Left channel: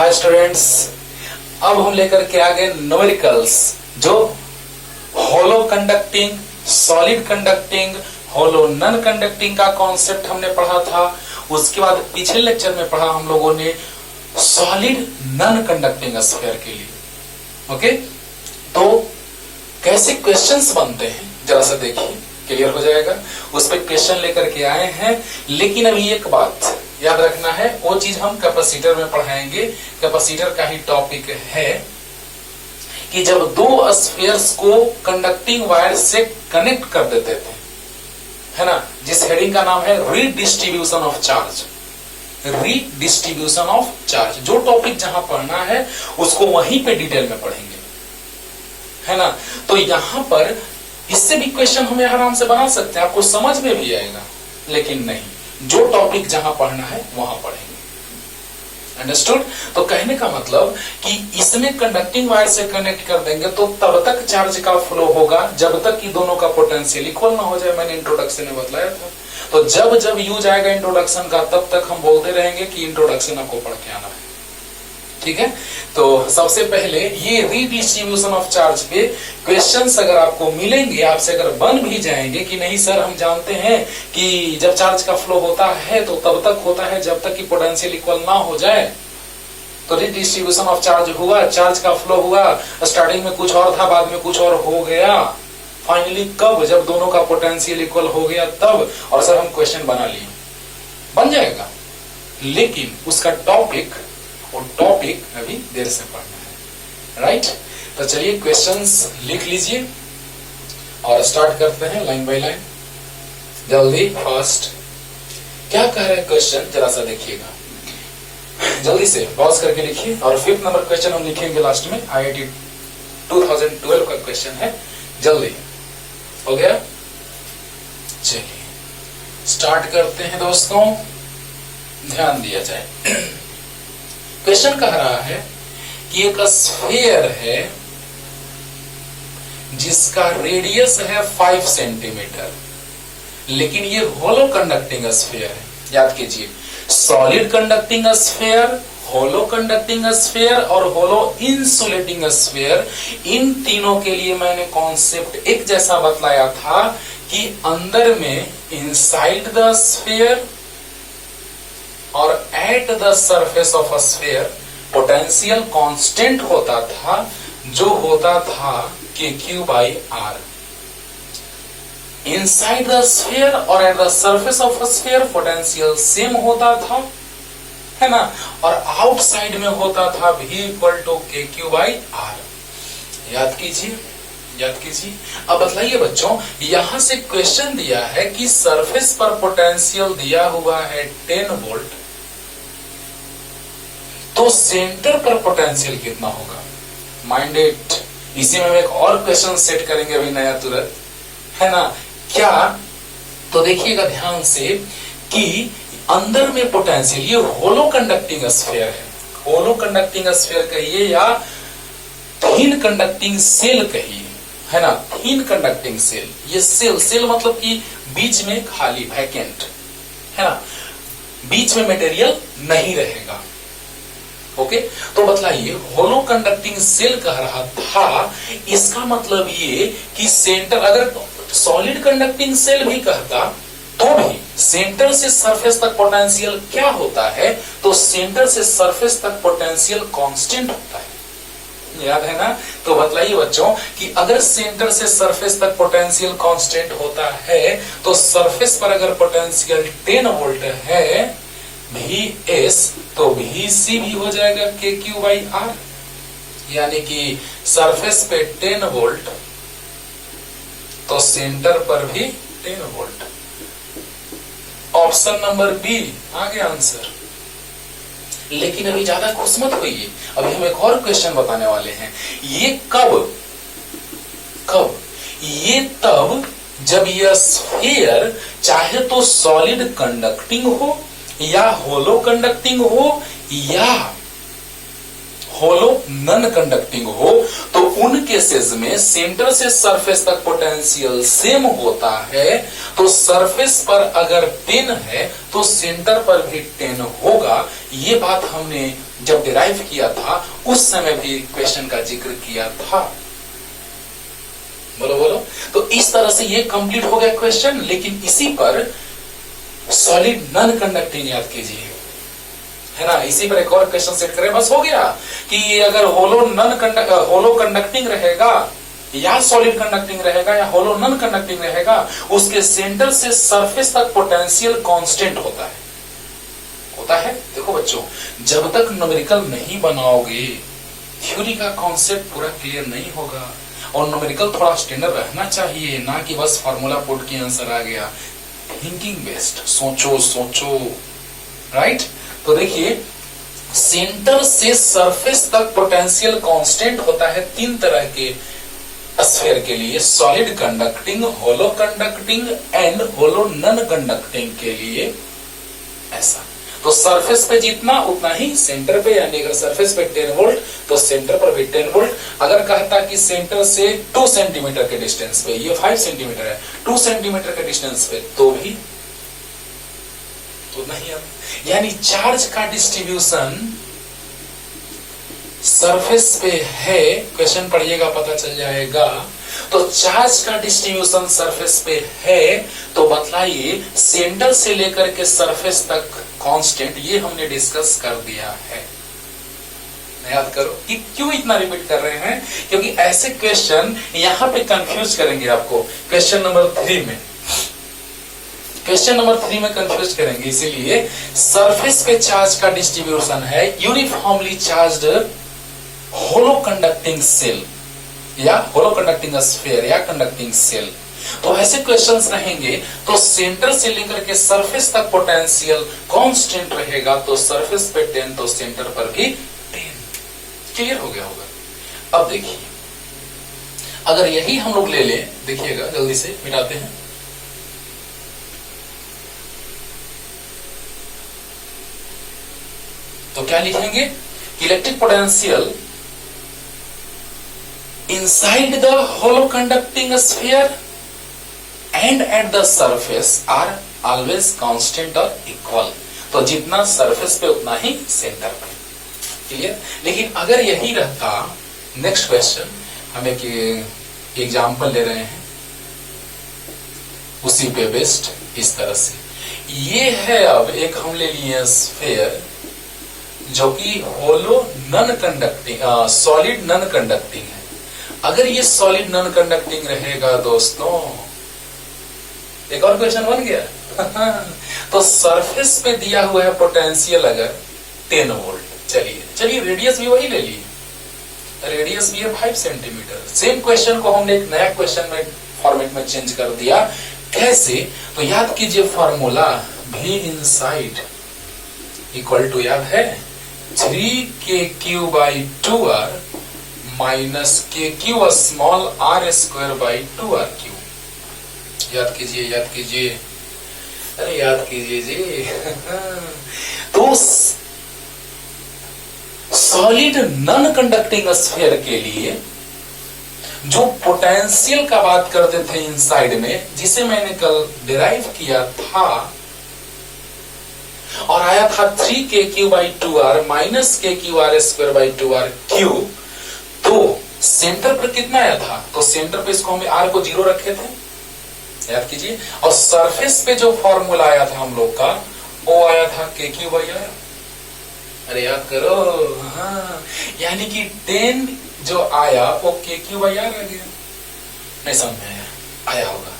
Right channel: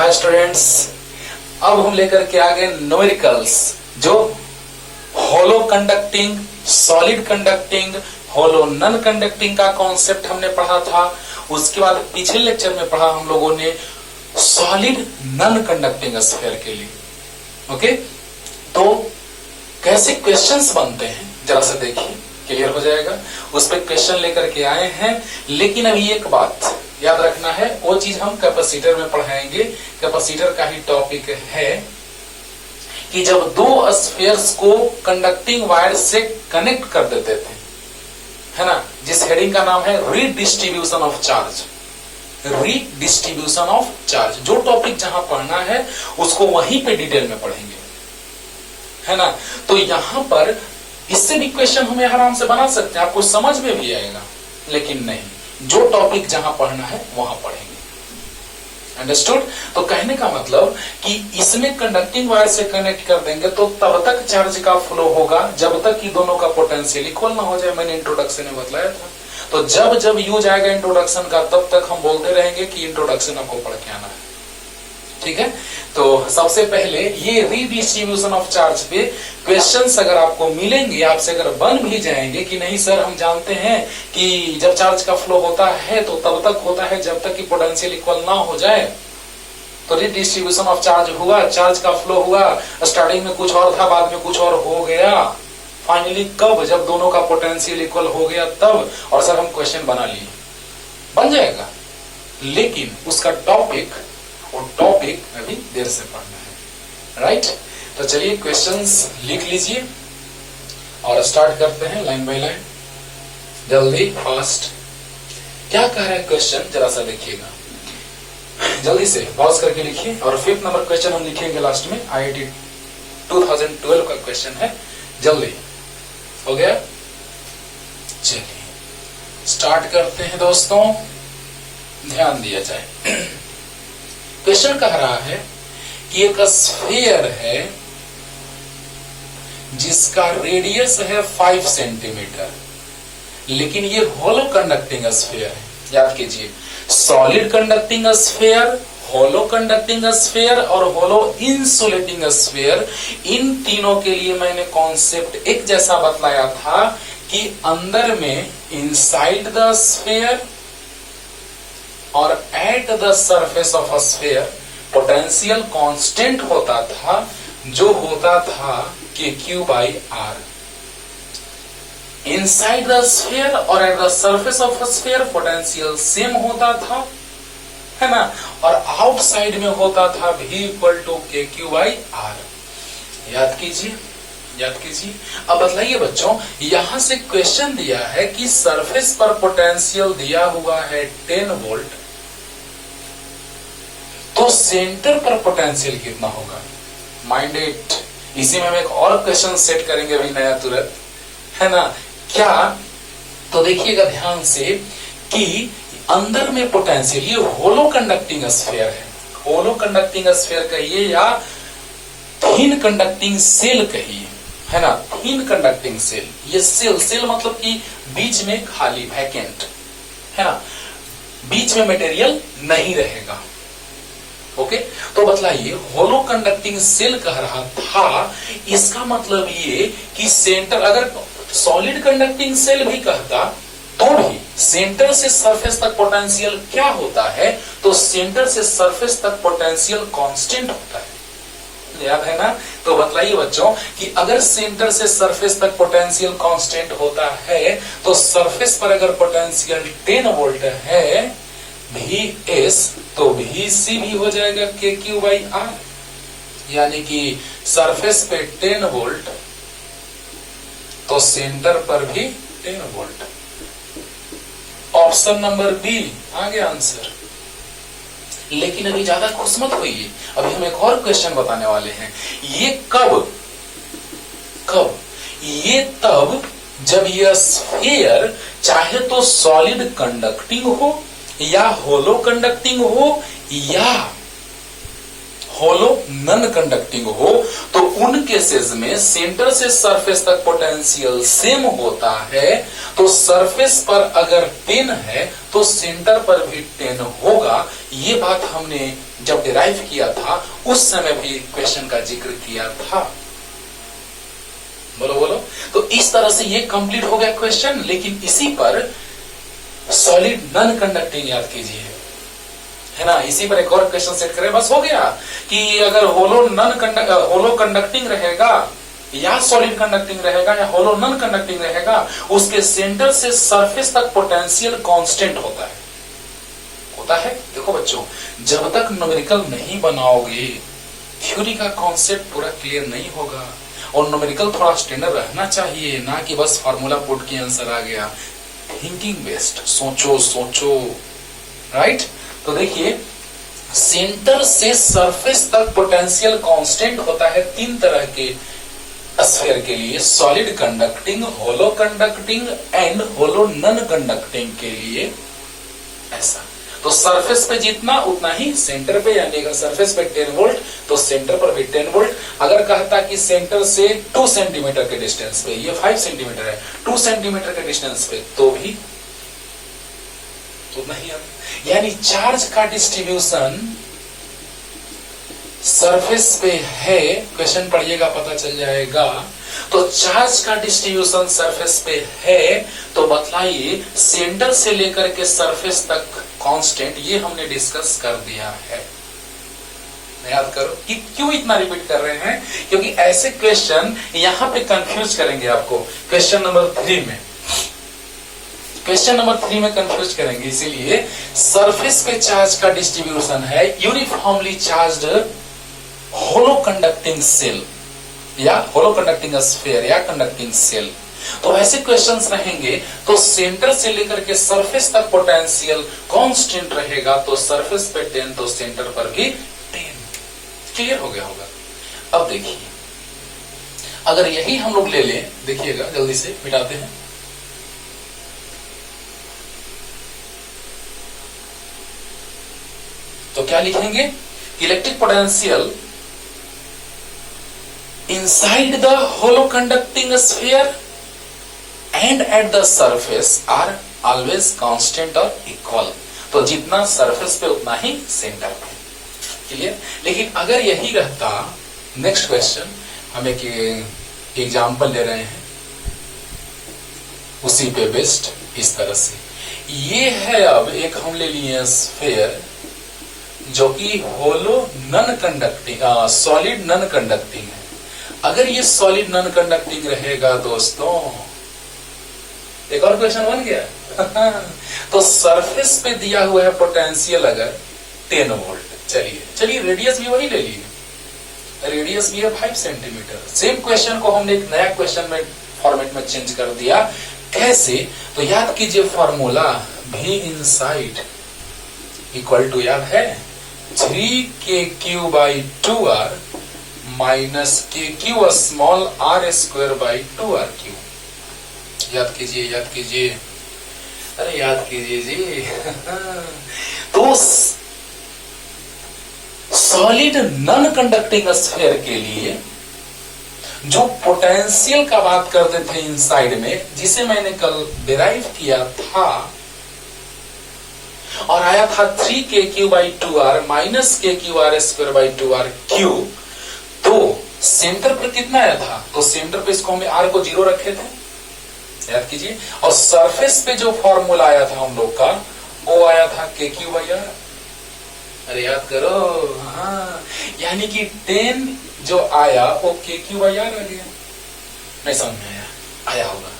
Hi students, अब हम लेकर के आ गए न्यूमेरिकल्स जो होलो कंडक्टिंग, सॉलिड कंडक्टिंग, होलो नॉन कंडक्टिंग का कॉन्सेप्ट हमने पढ़ा था। उसके बाद पिछले लेक्चर में पढ़ा हम लोगों ने सॉलिड नॉन कंडक्टिंग स्फीयर के लिए। ओके, तो कैसे क्वेश्चंस बनते हैं जरा सा देखिए, क्लियर हो जाएगा। उस पर क्वेश्चन लेकर के आए हैं, लेकिन अभी एक बात याद रखना है, वो चीज हम कैपेसिटर में पढ़ाएंगे। कैपेसिटर का ही टॉपिक है कि जब दो स्फीयर्स को कंडक्टिंग वायर से कनेक्ट कर देते थे, है ना, जिस हेडिंग का नाम है redistribution of charge. Redistribution of charge, जो टॉपिक जहां पढ़ना है उसको वहीं पे डिटेल में पढ़ेंगे, है ना। तो यहां पर इससे भी क्वेश्चन हमें आराम से बना सकते हैं, आपको समझ में भी आएगा, लेकिन नहीं, जो टॉपिक जहां पढ़ना है वहां पढ़ेंगे। अंडरस्टूड? तो कहने का मतलब कि इसमें कंडक्टिंग वायर से कनेक्ट कर देंगे तो तब तक चार्ज का फ्लो होगा जब तक कि दोनों का पोटेंशियल इक्वल ना हो जाए। मैंने इंट्रोडक्शन में बतलाया था। तो जब जब यूज आएगा इंट्रोडक्शन का, तब तक हम बोलते रहेंगे कि इंट्रोडक्शन आपको पढ़ के आना है, ठीक है। तो सबसे पहले ये रीडिस्ट्रीब्यूशन ऑफ चार्ज पे क्वेश्चंस अगर आपको मिलेंगे, आपसे अगर बन भी जाएंगे कि नहीं सर हम जानते हैं कि जब चार्ज का फ्लो होता है तो तब तक होता है जब तक कि पोटेंशियल इक्वल ना हो जाए। तो रीडिस्ट्रीब्यूशन ऑफ चार्ज हुआ, चार्ज का फ्लो हुआ, स्टार्टिंग में कुछ और था, बाद में कुछ और हो गया, फाइनली कब? जब दोनों का पोटेंशियल इक्वल हो गया तब। और सर हम क्वेश्चन बना लिए, बन जाएगा, लेकिन उसका टॉपिक और टॉपिक अभी देर से पढ़ना है, राइट। तो चलिए क्वेश्चंस लिख लीजिए और स्टार्ट करते हैं लाइन बाय लाइन, जल्दी फास्ट। क्या कह रहा है क्वेश्चन, जरा सा देखिएगा, जल्दी से पॉज करके लिखिए। और 5th नंबर क्वेश्चन हम लिखेंगे लास्ट में, IIT 2012 का क्वेश्चन है। जल्दी हो गया, चलिए स्टार्ट करते हैं दोस्तों, ध्यान दिया जाए। क्वेश्चन कह रहा है कि एक स्फीयर है जिसका रेडियस है 5 सेंटीमीटर, लेकिन ये होलो कंडक्टिंग स्फीयर है। याद कीजिए, सॉलिड कंडक्टिंग स्फीयर, होलो कंडक्टिंग स्फीयर और होलो इंसुलेटिंग स्फीयर, इन तीनों के लिए मैंने कॉन्सेप्ट एक जैसा बतलाया था कि अंदर में इनसाइड द स्फीयर और eight the surface of sphere potential constant होता था, जो होता था KQ/R। इनसाइड द स्फीयर और eight the surface of sphere potential same होता था, है ना, और आउटसाइड में होता था V = KQ/R। याद कीजिए, याद कीजिए। अब बताइए बच्चों, यहां से क्वेश्चन दिया है कि सरफेस पर पोटेंशियल दिया हुआ है 10 वोल्ट, तो सेंटर पर पोटेंशियल कितना होगा? माइंडेड। इसी में हम एक और क्वेश्चन सेट करेंगे अभी नया तुरंत, है ना। क्या? तो देखिएगा ध्यान से कि अंदर में पोटेंशियल, ये होलो कंडक्टिंग स्फीयर है, होलो कंडक्टिंग स्फीयर कहिए या थिन कंडक्टिंग सेल कहिए, है ना, थिन कंडक्टिंग सेल। ये सेल मतलब कि बीच में खाली, वैकेंट, है ना, बीच में मटेरियल नहीं रहेगा। ओके, तो बतलाइए, होलो कंडक्टिंग सेल कह रहा था, इसका मतलब ये कि सेंटर, अगर सॉलिड कंडक्टिंग सेल भी कहता तो भी सेंटर से सरफेस तक पोटेंशियल क्या होता है? तो सेंटर से सरफेस तक पोटेंशियल कांस्टेंट होता है, याद है ना। तो बतलाइए बच्चों कि अगर सेंटर से सरफेस तक पोटेंशियल कांस्टेंट होता है तो सरफेस पर अगर पोटेंशियल 10 वोल्ट है VS, तो VC भी हो जाएगा KQ/R, यानी कि सरफेस पे 10 वोल्ट तो सेंटर पर भी 10 वोल्ट। ऑप्शन नंबर बी आ गया आंसर। लेकिन अभी ज्यादा खुश मत होइए, अभी हम एक और क्वेश्चन बताने वाले हैं। ये कब? ये तब जब यह स्फीयर चाहे तो सॉलिड कंडक्टिंग हो या होलो कंडक्टिंग हो या होलो नन कंडक्टिंग हो तो उन केसेस में सेंटर से सरफेस तक पोटेंशियल सेम होता है। तो सरफेस पर अगर 10 है तो सेंटर पर भी 10 होगा। ये बात हमने जब डिराइव किया था उस समय भी क्वेश्चन का जिक्र किया था। बोलो बोलो। तो इस तरह से ये कंप्लीट हो गया क्वेश्चन। लेकिन इसी पर सॉलिड नन कंडक्टिंग याद कीजिए, है ना। इसी पर एक और क्वेश्चन सेट करें, बस हो गया कि अगर होलो कंडक्टिंग रहेगा या सॉलिड कंडक्टिंग रहेगा या होलो नन कंडक्टिंग रहेगा, उसके सेंटर से सरफेस तक पोटेंशियल कांस्टेंट होता है। देखो बच्चों, जब तक न्यूमेरिकल नहीं बनाओगे थ्योरी का कॉन्सेप्ट पूरा क्लियर नहीं होगा। और न्यूमेरिकल थोड़ा स्टैंडर्ड रहना चाहिए, ना कि बस फार्मूला पुट के आंसर आ गया। थिंकिंग बेस्ड, सोचो, राइट। तो देखिए, सेंटर से सरफेस तक पोटेंशियल कांस्टेंट होता है 3 तरह के स्फीयर के लिए, solid conducting, hollow conducting and hollow non conducting के लिए। ऐसा तो सरफेस पे जितना उतना ही सेंटर पे, यानी अगर सरफेस पे 10 वोल्ट तो सेंटर पर भी 10 वोल्ट। अगर कहता कि सेंटर से 2 सेंटीमीटर के डिस्टेंस पे, ये 5 सेंटीमीटर है, 2 सेंटीमीटर के डिस्टेंस पे तो भी उतना ही। यानी चार्ज का डिस्ट्रीब्यूशन सरफेस पे है, क्वेश्चन पढ़िएगा पता चल जाएगा। तो चार्ज का डिस्ट्रीब्यूशन सरफेस पे है, तो बतलाइए सेंटर से लेकर के सरफेस तक कांस्टेंट, ये हमने डिस्कस कर दिया है। याद करो कि क्यों इतना रिपीट कर रहे हैं, क्योंकि ऐसे क्वेश्चन यहां पे कंफ्यूज करेंगे आपको। क्वेश्चन नंबर 3 में कंफ्यूज करेंगे। इसीलिए सरफेस पे चार्ज का डिस्ट्रीब्यूशन है यूनिफॉर्मली चार्ज्ड होलो कंडक्टिंग सेल या होलो कंडक्टिंग स्फीयर या कंडक्टिंग सेल। तो ऐसे क्वेश्चंस रहेंगे तो सेंटर से लेकर के सरफेस तक पोटेंशियल कांस्टेंट रहेगा। तो सरफेस पे 10 तो सेंटर पर भी 10। क्लियर हो गया होगा। अब देखिए, अगर यही हम लोग ले लें, देखिएगा जल्दी से मिटाते हैं। तो क्या लिखेंगे, electric potential inside the hollow conducting sphere and at the surface are always constant or equal। तो जितना सरफेस पे उतना ही सेंटर पे। क्लियर। लेकिन अगर यही रहता, नेक्स्ट क्वेश्चन हम एक एग्जाम्पल ले रहे हैं उसी पे बेस्ड, इस तरह से ये है। अब एक हम ले लिए स्फीयर जो कि hollow non conducting, solid non conducting है। अगर ये सॉलिड नॉन कंडक्टिंग रहेगा दोस्तों, एक और क्वेश्चन बन गया। तो सरफेस पे दिया हुआ है पोटेंशियल अगर 10 वोल्ट, चलिए रेडियस भी वही ले लीजिए, रेडियस भी है 5 सेंटीमीटर। सेम क्वेश्चन को हमने एक नया क्वेश्चन में फॉर्मेट में चेंज कर दिया। कैसे, तो याद कीजिए फॉर्मूला भी इनसाइड इक्वल टू, याद है, 3kq/2r minus KQ small r square by 2r3। याद कीजिए, अरे याद कीजिए जी। तो सॉलिड नॉन कंडक्टिंग स्फीयर के लिए जो पोटेंशियल का बात करते थे इनसाइड में, जिसे मैंने कल डिराइव किया था और आया था 3kq/2r minus KQr square by 2r3। तो सेंटर पर कितना आया था, तो सेंटर पे इसको हमने r को 0 रखे थे, याद कीजिए। और सरफेस पे जो फॉर्मूला आया था हम लोग का, वो आया था KQ/r। अरे याद करो, हाँ, यानी कि 10 जो आया वो KQ/r आ गया। नहीं समझ में आया होगा।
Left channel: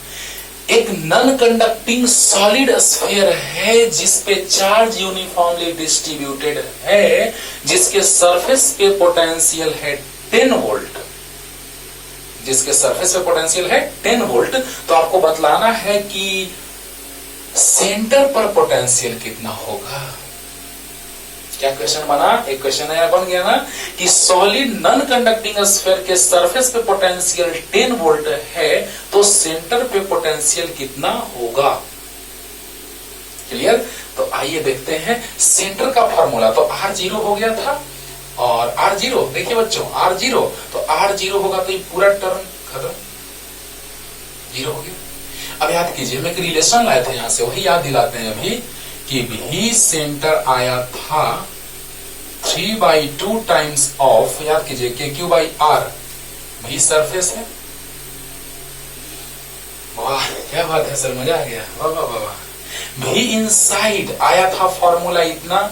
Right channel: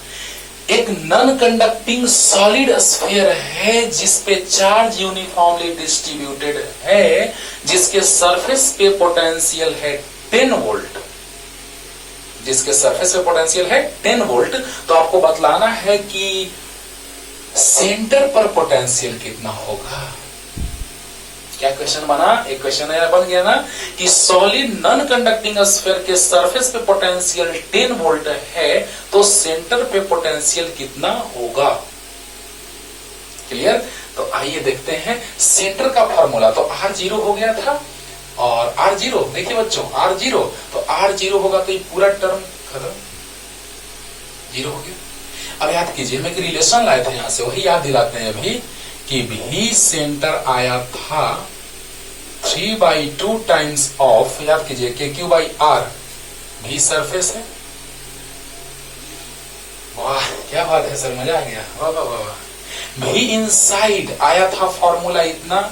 एक नॉन कंडक्टिंग सॉलिड स्फीयर है जिसपे चार्ज यूनिफॉर्मली डिस्ट्रीब्यूटेड है, जिसके सरफेस पे पोटेंशियल है 10 वोल्ट, जिसके सरफेस पे पोटेंशियल है 10 वोल्ट। तो आपको बतलाना है कि सेंटर पर पोटेंशियल कितना होगा। क्या क्वेश्चन बना, एक क्वेश्चन बन गया ना कि सॉलिड नॉन कंडक्टिंग स्फीयर के सरफेस पे पोटेंशियल 10 वोल्ट है, तो सेंटर पे पोटेंशियल कितना होगा। क्लियर। तो आइए देखते हैं सेंटर का फॉर्मूला। तो R 0 हो गया था, और R0, देखिए बच्चों R0, तो R0 होगा तो ये पूरा टर्म खत्म, 0 हो गया। अब याद कीजिए, मैं एक रिलेशन लाए थे यहां से, वही याद दिलाते हैं अभी कि भी सेंटर आया था 3/2 टाइम्स ऑफ, याद कीजिए KQ/R, भी सरफेस है। वाह क्या बात है सर, मजा आ गया, वाह वाह वाह। भी इनसाइड आया था फॉर्मूला इतना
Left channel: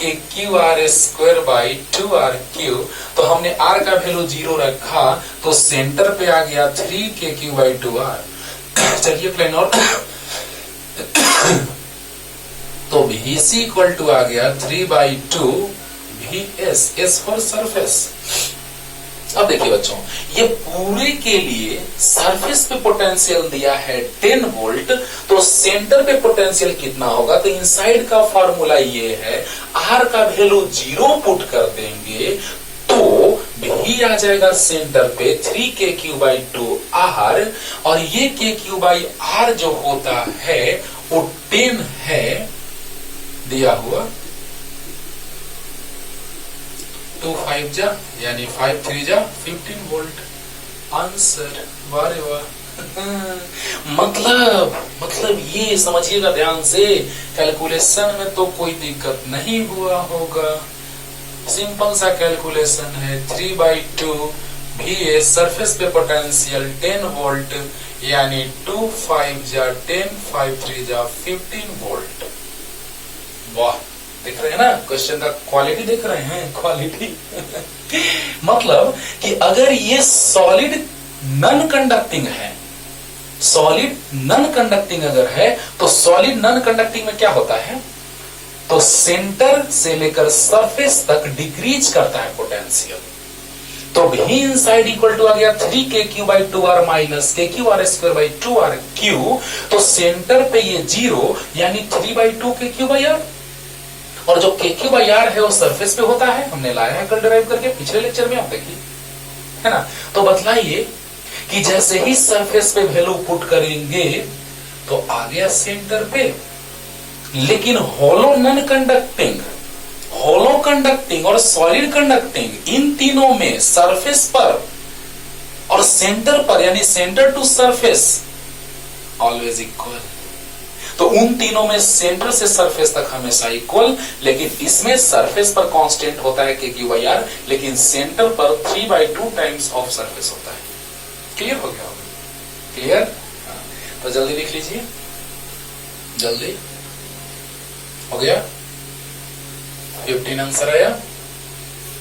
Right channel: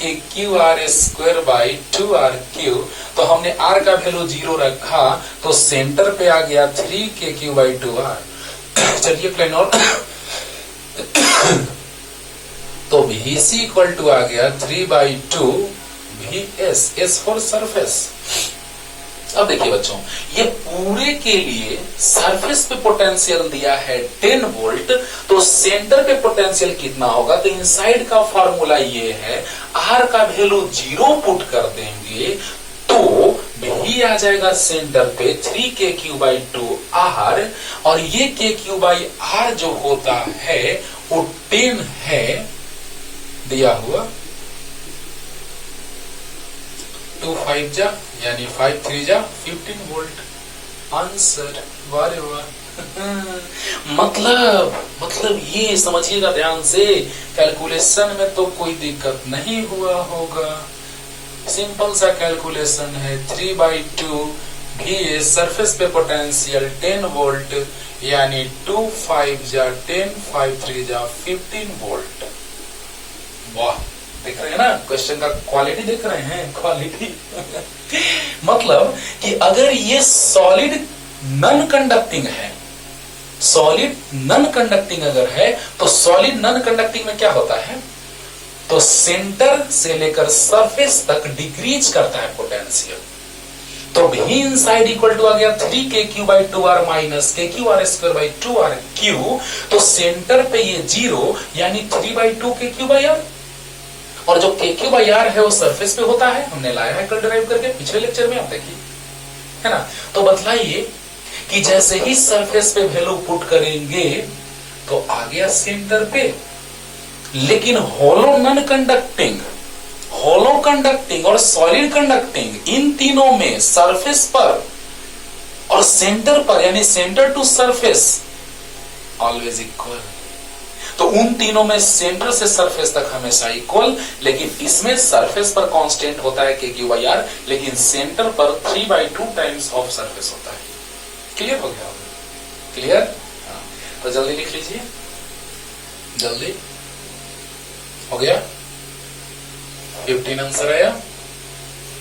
KQ/R²/2RQ, तो हमने R का वैल्यू 0 रखा तो सेंटर पे आ गया 3KQ/2R। चलिए प्लेन और तो VC इक्वल टू आ गया 3/2 VS, S फॉर सरफेस। अब देखिए बच्चों, ये पूरे के लिए सरफेस पे पोटेंशियल दिया है 10 वोल्ट, तो सेंटर पे पोटेंशियल कितना होगा, तो इनसाइड का फॉर्मूला ये है, R का वैल्यू 0 पुट कर देंगे तो भी आ जाएगा सेंटर पे 3KQ/2R, और ये KQ/R जो होता है वो 10 है दिया हुआ, 2 5 जा यानी 5 3 जा 15 वोल्ट आंसर। वारे वाह। मतलब ये समझिएगा ध्यान से, कैलकुलेशन में तो कोई दिक्कत नहीं हुआ होगा, सिंपल सा कैलकुलेशन है। 3/2 VS, सरफेस पे पोटेंशियल 10 वोल्ट, यानी 2 5 जा 10, 5 3 जा 15 वोल्ट। वाह, देख रहे हैं ना क्वेश्चन का क्वालिटी, देख रहे हैं क्वालिटी। मतलब कि अगर ये सॉलिड नॉन कंडक्टिंग है, सॉलिड नॉन कंडक्टिंग अगर है, तो सॉलिड नॉन कंडक्टिंग में क्या होता है, तो सेंटर से लेकर सरफेस तक डिक्रीज करता है पोटेंशियल। तो भी इनसाइड इक्वल टू आ गया 3KQ/2R माइनस KQ/R²/2RQ, तो सेंटर पे ये 0 यानी 3/2 KQ/R, और जो KQ/R है वो सरफेस पे होता है, हमने लाया है कल डिराइव करके पिछले लेक्चर में, आप देखिए है ना। तो बतलाइए कि जैसे ही सरफेस पे वैल्यू पुट करेंगे तो आ गया सेंटर पे, लेकिन hollow non conducting, hollow conducting और सॉलिड कंडक्टिंग, इन तीनों में सरफेस पर और सेंटर पर यानी centre to surface always equal, तो उन तीनों में सेंटर से सरफेस तक हमेशा इक्वल, लेकिन इसमें सरफेस पर कांस्टेंट होता है KQ/R, लेकिन सेंटर पर 3/2 टाइम्स ऑफ सरफेस होता है। क्लियर हो गया होगा, क्लियर? तो जल्दी लिख लीजिए, जल्दी हो गया, 15 आंसर आया,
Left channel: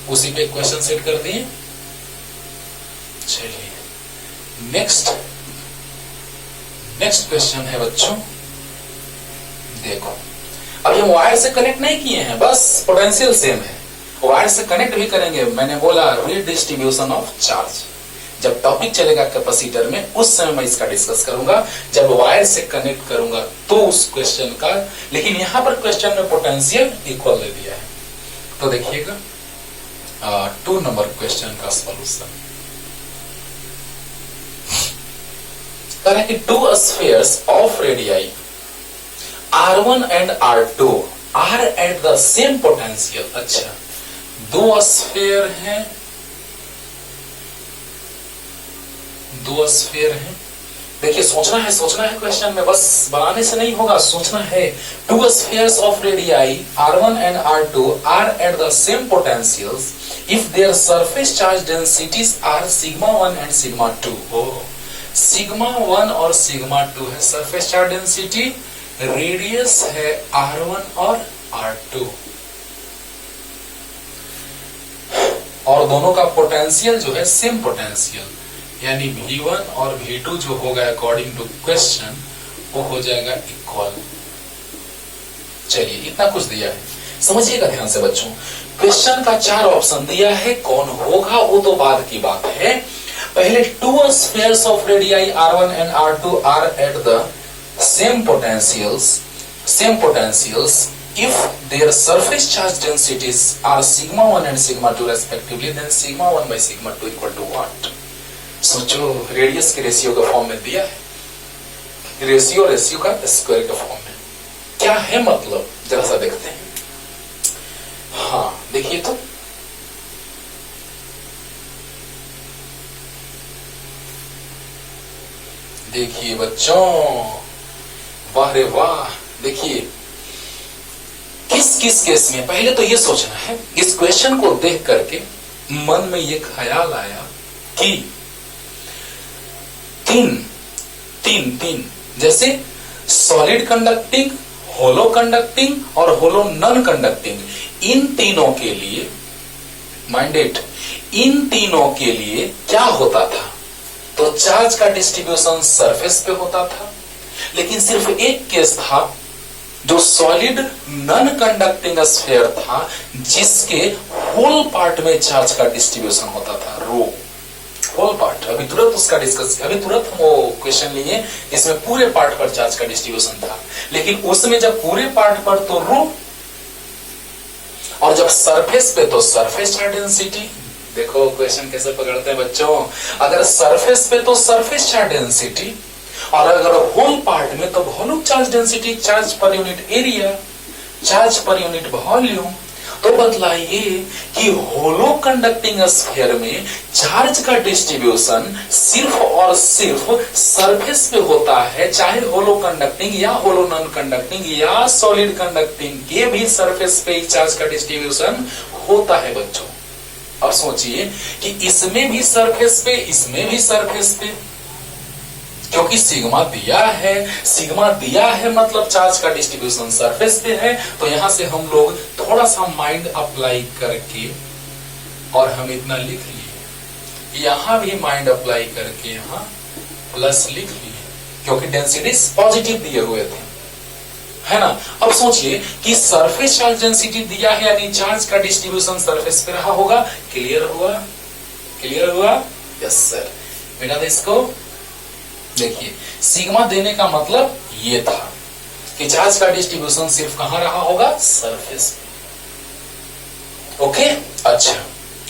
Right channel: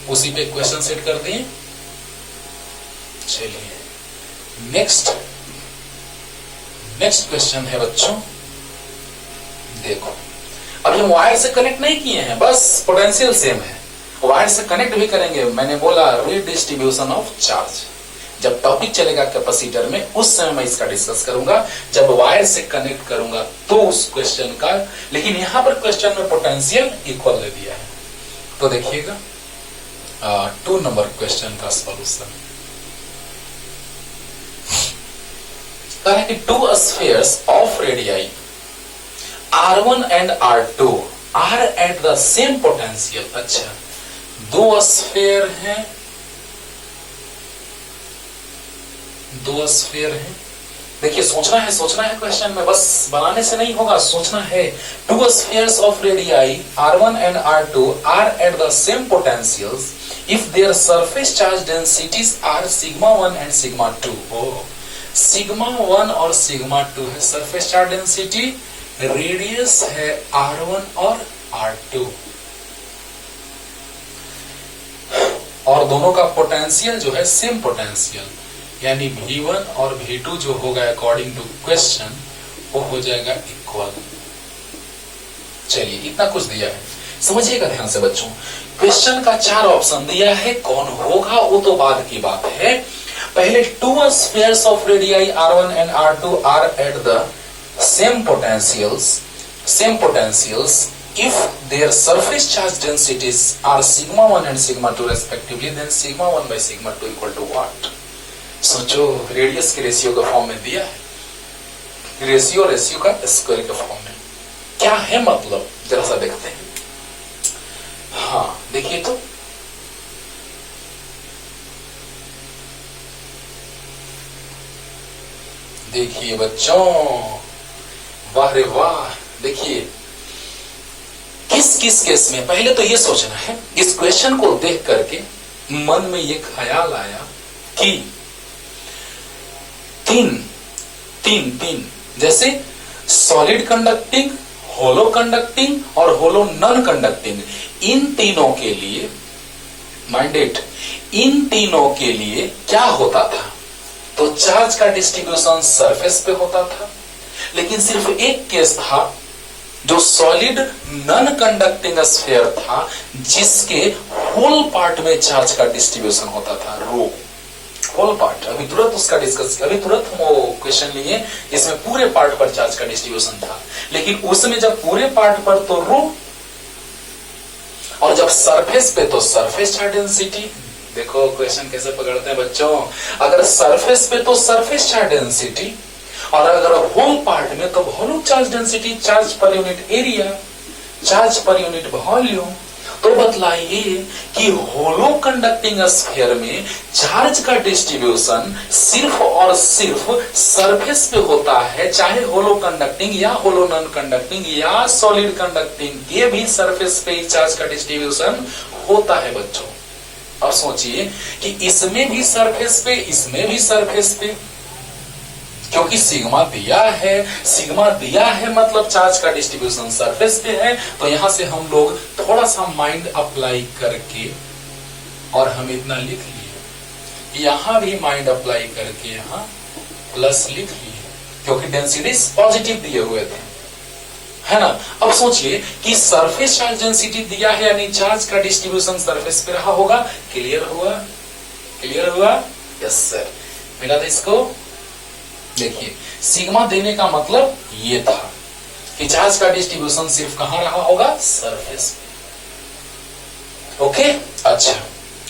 उसी पे क्वेश्चन सेट कर दिए। चलिए नेक्स्ट क्वेश्चन है बच्चों, देखो अब ये वायर से कनेक्ट नहीं किए हैं, बस पोटेंशियल सेम है, वायर से कनेक्ट भी करेंगे। मैंने बोला रीडिस्ट्रीब्यूशन ऑफ चार्ज, जब टॉपिक चलेगा कैपेसिटर में उस समय मैं इसका डिस्कस करूंगा, जब वायर से कनेक्ट करूंगा तो उस क्वेश्चन का, लेकिन यहां पर क्वेश्चन में पोटेंशियल इक्वल दे दिया है। तो देखिएगा 2 नंबर क्वेश्चन का सॉल्यूशन, कह रहे हैं कि 2 spheres of radii R1 and R2 are at the same potential. अच्छा, 2 स्फीयर हैं, 2 स्फीयर हैं, देखिए सोचना है क्वेश्चन में, बस बनाने से नहीं होगा, सोचना है। 2 spheres of radii R1 and R2 are at the same potentials if their surface charge densities are σ1 and σ2। σ1 और σ2 है सरफेस चार्ज डेंसिटी, रेडियस है R1 और R2, और दोनों का पोटेंशियल जो है सेम पोटेंशियल, यानी V1 और V2 जो होगा अकॉर्डिंग टू क्वेश्चन वो हो जाएगा इक्वल। चलिए इतना कुछ दिया है, समझिएगा ध्यान से बच्चों। क्वेश्चन का 4 ऑप्शन दिया है, कौन होगा वो तो बाद की बात है। पहले 2 spheres of radii R1 and R2 are at the same potentials if their surface charge densities are σ1 and σ2 respectively, then σ1 by σ2 equal to what? सोचो, रेडियस के रेशियो का फॉर्म में दिया है, रेशियो का स्क्वायर का फॉर्म में, क्या है मतलब जरा सा देखते हैं। हाँ देखिए तो देखिए बच्चों, वाह रे वाह। देखिए किस किस केस में, पहले तो ये सोचना है, इस क्वेश्चन को देख करके मन में ये ख्याल आया कि तीन जैसे सॉलिड कंडक्टिंग, होलो कंडक्टिंग और होलो नॉन कंडक्टिंग, इन तीनों के लिए माइंडेड, इन तीनों के लिए क्या होता था? तो चार्ज का डिस्ट्रीब्यूशन सरफेस पे होता था। लेकिन सिर्फ एक केस था जो सॉलिड नॉन कंडक्टिंग स्फीयर था, जिसके होल पार्ट में चार्ज का डिस्ट्रीब्यूशन होता था, रो होल पार्ट। अभी तुरंत उसका डिस्कस, अभी तुरंत हम वो क्वेश्चन लिए, इसमें पूरे पार्ट पर चार्ज का डिस्ट्रीब्यूशन था। लेकिन उसमें जब पूरे पार्ट पर तो रो, और जब सरफेस पे तो सरफेस चार्ज डेंसिटी। देखो क्वेश्चन कैसे पकड़ते हैं बच्चों, अगर सरफेस पे तो सरफेस चार्ज डेंसिटी, और अगर होल पार्ट में तो volume charge density, charge per unit area, charge per unit volume. तो बतलाइए कि होलो कंडक्टिंग स्फीयर में चार्ज का डिस्ट्रीब्यूशन सिर्फ और सिर्फ सरफेस पे होता है, चाहे होलो कंडक्टिंग या होलो नॉन कंडक्टिंग या सॉलिड कंडक्टिंग, ये भी सरफेस पे ही चार्ज का डिस्ट्रीब्यूशन होता है बच्चों। और सोचिए कि इसमें भी सरफेस पे, इसमें भी सरफेस पे, क्योंकि सिग्मा दिया है मतलब चार्ज का डिस्ट्रीब्यूशन सरफेस पे है। तो यहां से हम लोग थोड़ा सा माइंड अप्लाई करके, और हम इतना लिख लिए, यहां भी माइंड अप्लाई करके यहां प्लस लिख लिए, क्योंकि डेंसिटी पॉजिटिव दिए हुए थे, है ना। अब सोचिए कि सरफेस चार्ज डेंसिटी दिया है, यानी चार्ज का डिस्ट्रीब्यूशन सरफेस पे रहा होगा। क्लियर हुआ? Yes sir. मिला था इसको। देखिए सिग्मा देने का मतलब ये था कि चार्ज का डिस्ट्रीब्यूशन सिर्फ कहां रहा होगा? सरफेस पे। ओके, अच्छा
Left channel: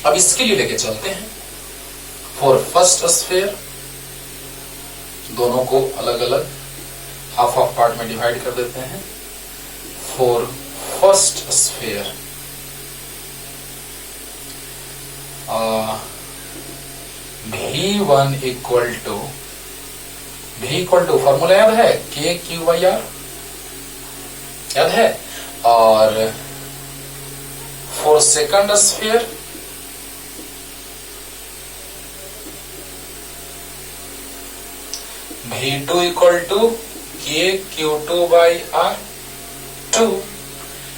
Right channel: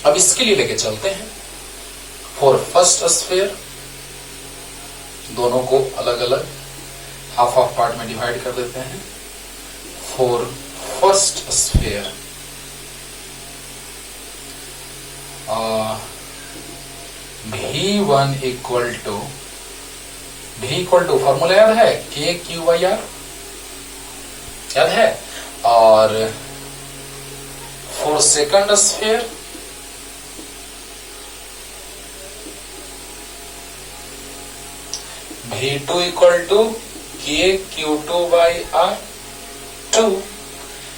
अब इसके लिए लेके चलते हैं फॉर फर्स्ट स्फीयर। दोनों को अलग अलग हाफ हाफ पार्ट में डिवाइड कर देते हैं। For first sphere V1 equal to formula याद है, KQ/R याद है। और for second sphere V2 equal to KQ2/R2।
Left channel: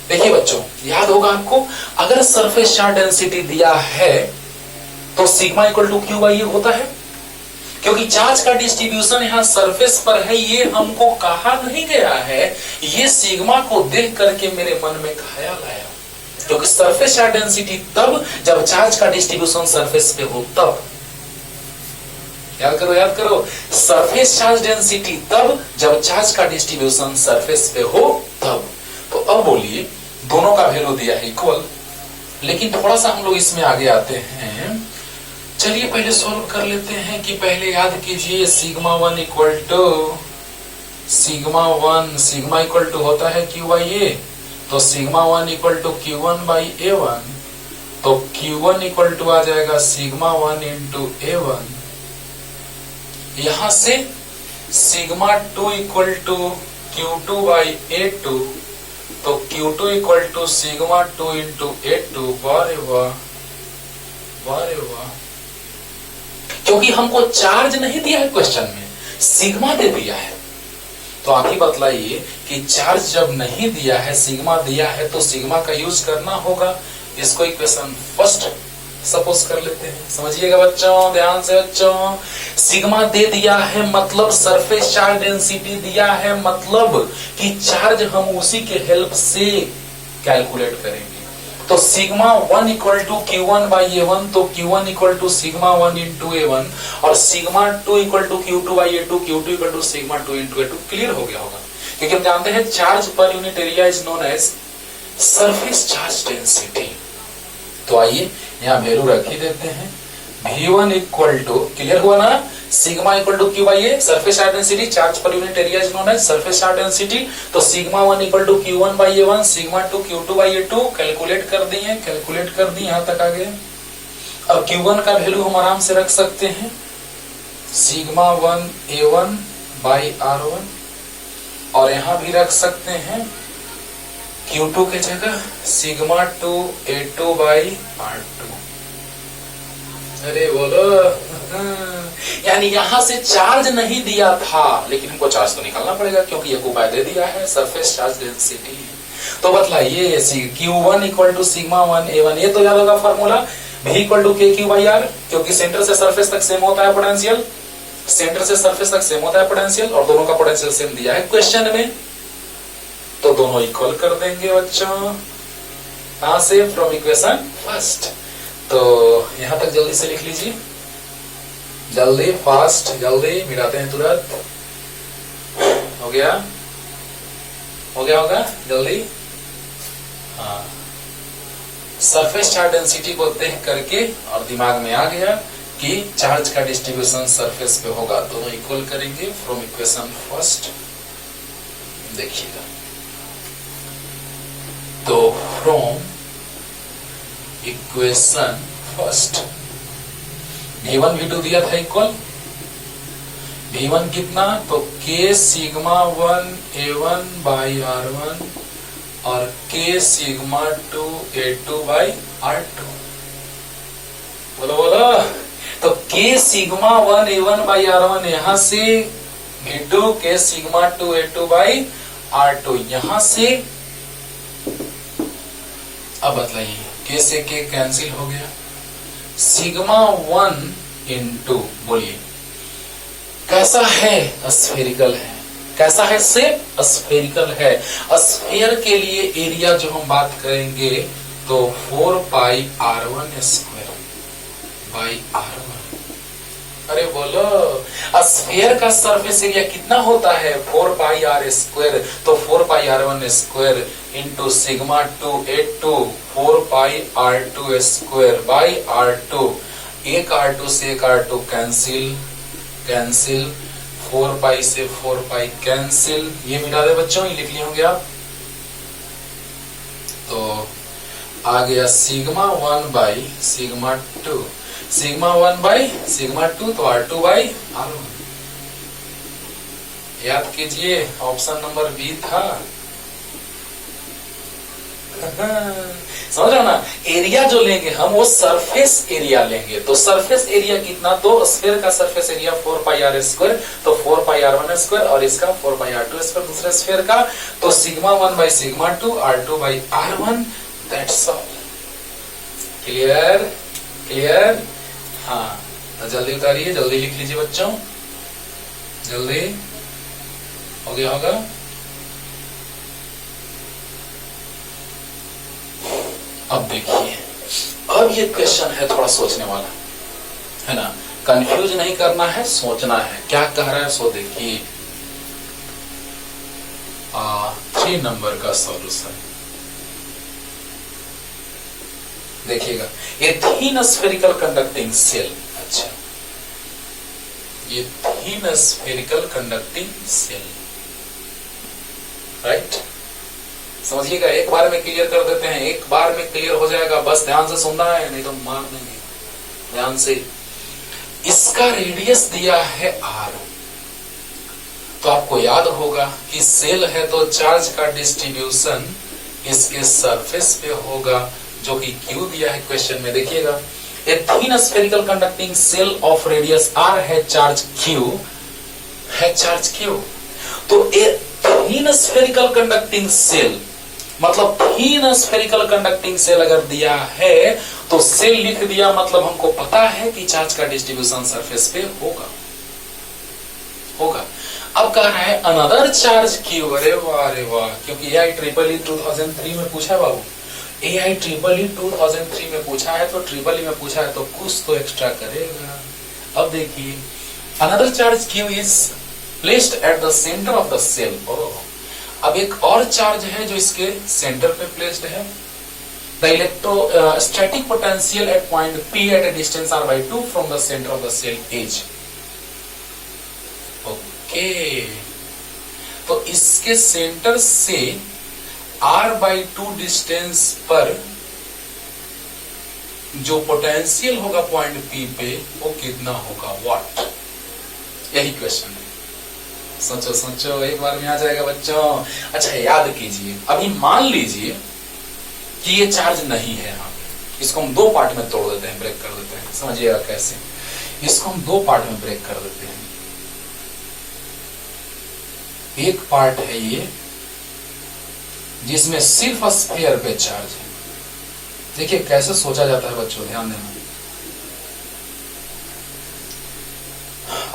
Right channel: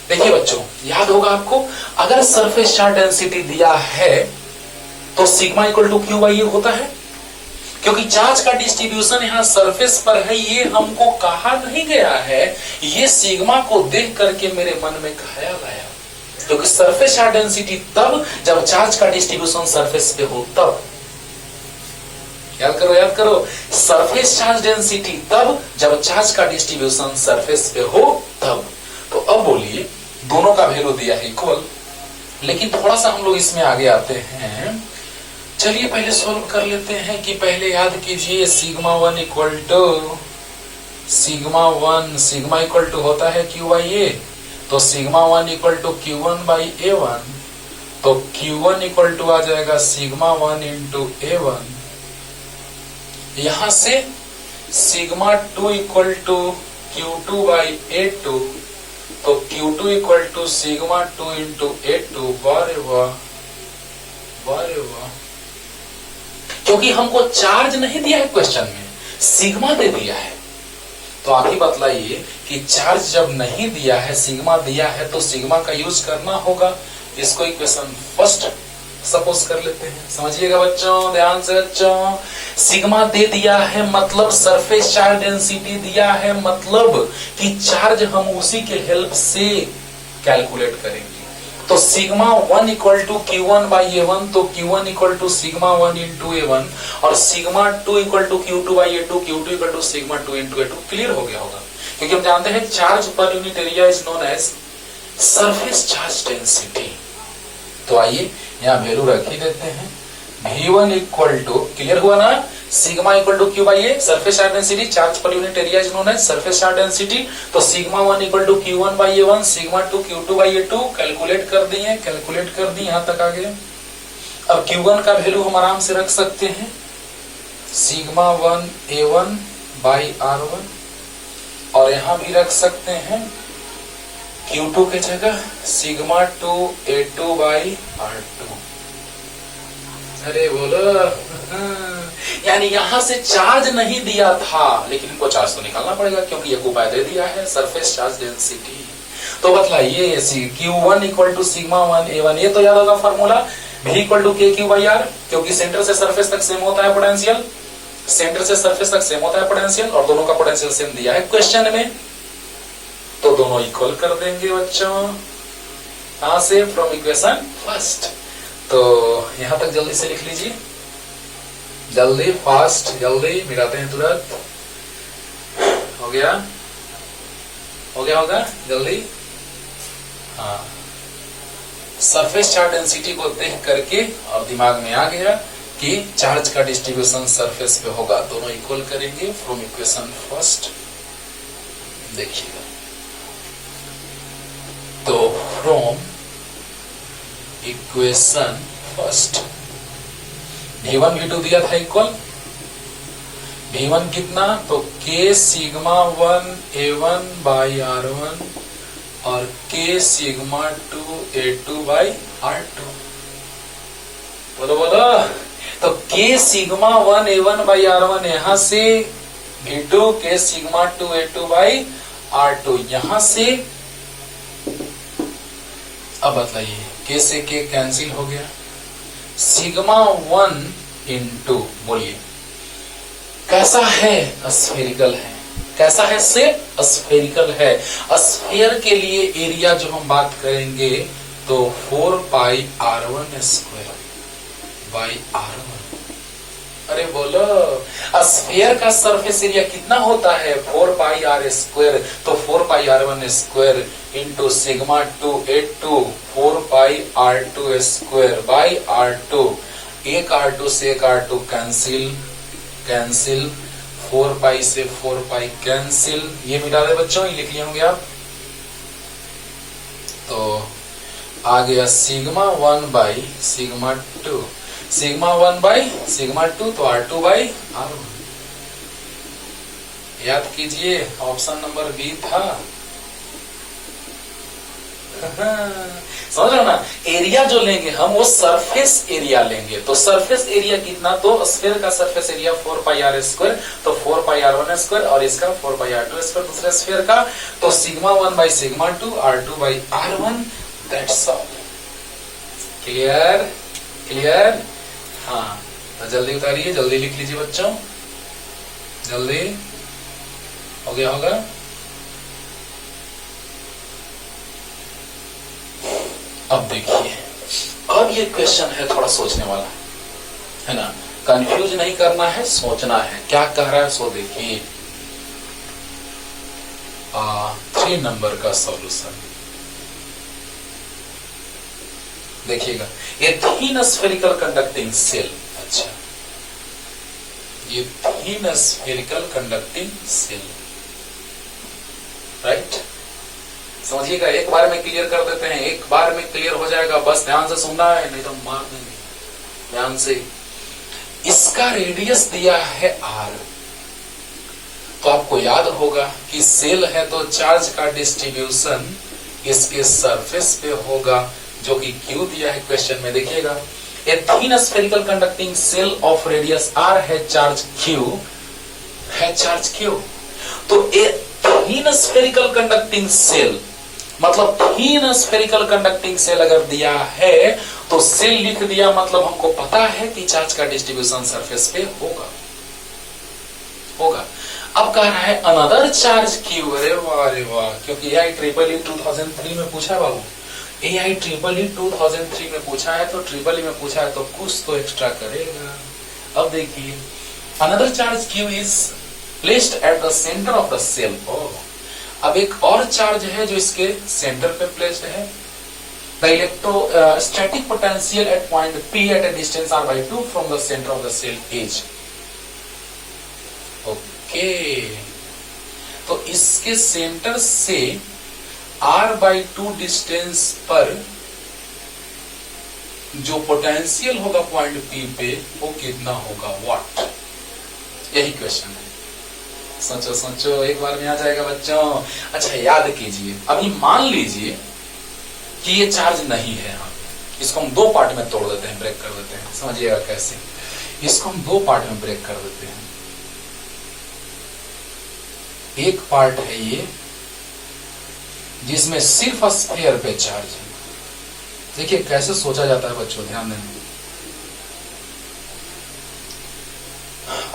देखिए बच्चों, याद होगा आपको, अगर सरफेस चार्ज डेंसिटी दिया है तो सिग्मा इक्वल टू Q/A होता है, क्योंकि चार्ज का डिस्ट्रीब्यूशन यहाँ सरफेस पर है। ये हमको कहा नहीं गया है, ये सिग्मा को देख करके मेरे मन में ख्याल आया, क्योंकि सरफेस चार्ज डेंसिटी तब जब चार्ज का डिस्ट्रीब्यूशन सरफेस पे हो तब। याद करो, सरफेस चार्ज डेंसिटी तब जब चार्ज का डिस्ट्रीब्यूशन सरफेस पे हो तब। तो अब बोलिए, दोनों का वैल्यू दिया है इक्वल, लेकिन थोड़ा सा हम लोग इसमें आगे आते हैं। चलिए पहले सॉल्व कर लेते हैं कि पहले याद कीजिए सिग्मा इक्वल टू होता है Q/A, तो सिग्मा 1 इक्वल टू Q1/A1, तो Q1 इक्वल टू आ जाएगा सिग्मा 1 इंटू A1। यहां से सिग्मा 2 इक्वल टू Q2/A2, तो Q2 equal to sigma 2 into A2। वाह, क्योंकि हमको चार्ज नहीं दिया है क्वेश्चन में, सिग्मा दे दिया है। तो आगे बतलाइए कि चार्ज जब नहीं दिया है, सिग्मा दिया है, तो सिग्मा का यूज करना होगा। इसको इक्वेशन फर्स्ट सपोज कर लेते हैं। समझिएगा बच्चों, ध्यान से बच्चों, सिग्मा दे दिया है मतलब सरफेस चार्ज डेंसिटी दिया है, मतलब कि चार्ज हम उसी के हेल्प से कैलकुलेट करेंगे। तो सिग्मा 1 इक्वल टू Q1/A1, तो Q1 equal to sigma 1 into A1, और sigma 2 equal to Q2/A2, Q2 equal to sigma 2 into A2। Clear हो गया होगा, क्योंकि हम जानते हैं charge per unit area is known as surface charge density. तो आइए यहाँ वैल्यू रख ही देते हैं। V1 इक्वल टू, क्लियर हुआ ना, sigma equal to Q/A, surface charge density, charge per unit area is known as surface charge density. तो sigma 1 equal to Q1/A1, sigma 2 Q2/A2 calculate कर दी, यहां तक आ गए। अब Q1 का वैल्यू हम आराम से रख सकते हैं, सिग्मा 1 A1 बाई R1, और यहां भी रख सकते हैं Q2 के जगह सिग्मा 2 A2 बाई R2। अरे बोलो, यानी यहां से चार्ज नहीं दिया था, लेकिन इनको चार्ज तो निकालना पड़ेगा क्योंकि ये उपाय दे दिया है, सरफेस चार्ज डेंसिटी। तो बतलाइए Q1 equal to sigma 1 A1, ये तो याद होगा formula, V equal to KQ by R, क्योंकि सेंटर से सरफेस तक सेम होता है पोटेंशियल, सेंटर से सरफेस तक सेम होता है पोटेंशियल, और दोनों का पोटेंशियल सेम दिया है क्वेश्चन में, तो दोनों इक्वल कर देंगे बच्चों। कहां से? From equation first. तो यहां तक जल्दी से लिख लीजिए, जल्दी, फास्ट, जल्दी मिटाते हैं तुरंत। हो गया, हो गया होगा जल्दी। हाँ, सरफेस चार्ज डेंसिटी को देख करके और दिमाग में आ गया कि चार्ज का डिस्ट्रीब्यूशन सरफेस पे होगा, दोनों इक्वल करेंगे फ्रॉम इक्वेशन फर्स्ट। देखिएगा, तो from equation first V1 V2 दिया था इक्वल, V1 कितना? तो K sigma 1 A1 by R1 और K sigma 2 A2 by R2। बोलो बोलो, तो K sigma 1 A1 by R1 यहां से, V2 K sigma 2 A2 by R2 यहां से। अब बताइए, K से K कैंसिल हो गया, सिग्मा 1 इंटू, बोलिए कैसा है? स्फेरिकल है। कैसा है? से स्फेरिकल है। स्फेयर के लिए एरिया जो हम बात करेंगे तो 4 पाई R1 स्क्वायर बाई R1। अरे बोलो, स्फेयर का सरफेस एरिया कितना होता है? 4 पाई R स्क्वायर, तो 4 पाई R1 square into sigma 2 A2 4 pi R2 square by R2। एक R2 से एक R2 कैंसिल, कैंसिल, 4 पाई से 4 पाई कैंसिल, ये मिटा दे बच्चों, ये लिख लिए होंगे आप। तो आ गया sigma 1 by sigma 2, sigma 1 by sigma 2, तो R2 बाई R1। याद कीजिए, ऑप्शन नंबर बी था। समझ रहे हो ना? एरिया जो लेंगे हम वो सरफेस एरिया लेंगे, तो सरफेस एरिया कितना? तो स्फीयर का सरफेस एरिया 4 पाई R स्क्वायर, तो 4 पाई R1 स्क्वायर, और इसका 4 पाई R2 स्क्वायर दूसरे स्फीयर का, तो sigma 1 by sigma 2 R2 by R1, that's all. Clear? Clear? हाँ, तो जल्दी उतारिए, जल्दी लिख लीजिए बच्चों, जल्दी। हो गया होगा? अब देखिए, अब ये क्वेश्चन है थोड़ा सोचने वाला, है ना? कंफ्यूज नहीं करना है, सोचना है क्या कह रहा है, सो देखिए। 3 नंबर का सॉल्यूशन देखिएगा, ये थीन स्फेरिकल कंडक्टिंग सेल। अच्छा, ये thin spherical conducting shell, right? समझिएगा, एक बार में क्लियर कर देते हैं, एक बार में क्लियर हो जाएगा, बस ध्यान से सुनना है, नहीं तो मार देंगे। ध्यान से, इसका रेडियस दिया है R, तो आपको याद होगा कि सेल है तो चार्ज का डिस्ट्रीब्यूशन इसके सरफेस पे होगा, जो कि Q दिया है क्वेश्चन में। देखिएगा, a thin spherical conducting shell of radius R है चार्ज Q, है चार्ज Q। तो a thin spherical conducting shell, मतलब थीन स्फेरिकल कंडक्टिंग सेल अगर दिया है तो सेल लिख दिया, मतलब हमको पता है कि चार्ज का डिस्ट्रीब्यूशन सरफेस पे होगा, होगा। अब कह रहा है अनदर चार्ज Q, अरे वाह रे वाह, क्योंकि AIEEE 2003 में पूछा है बाबू, AIEEE 2003 में पूछा है, तो ट्रिपल में पूछा है, तो कुछ तो एक्स्ट्रा करेगा। अब देखिए, another charge Q is placed at the centre of the shell. अब एक और चार्ज है जो इसके सेंटर पे प्लेस्ड है। The electrostatic potential at point P at a distance R/2 from the centre of the shell is. Okay, तो इसके सेंटर से R/2 डिस्टेंस पर जो पोटेंशियल होगा पॉइंट P पे, वो कितना होगा, व्हाट? यही क्वेश्चन है, सोचो सोचो, एक बार में आ जाएगा बच्चों। अच्छा याद कीजिए, अभी मान लीजिए कि ये चार्ज नहीं है यहाँ पे, इसको हम दो पार्ट में तोड़ देते हैं, ब्रेक कर देते हैं। समझिएगा कैसे, इसको हम दो पार्ट में ब्रेक कर देते हैं। एक पार्ट है ये जिसमें सिर्फ स्फीयर पे चार्ज है। देखिए कैसे सोचा जाता है बच्चों, ध्यान देना।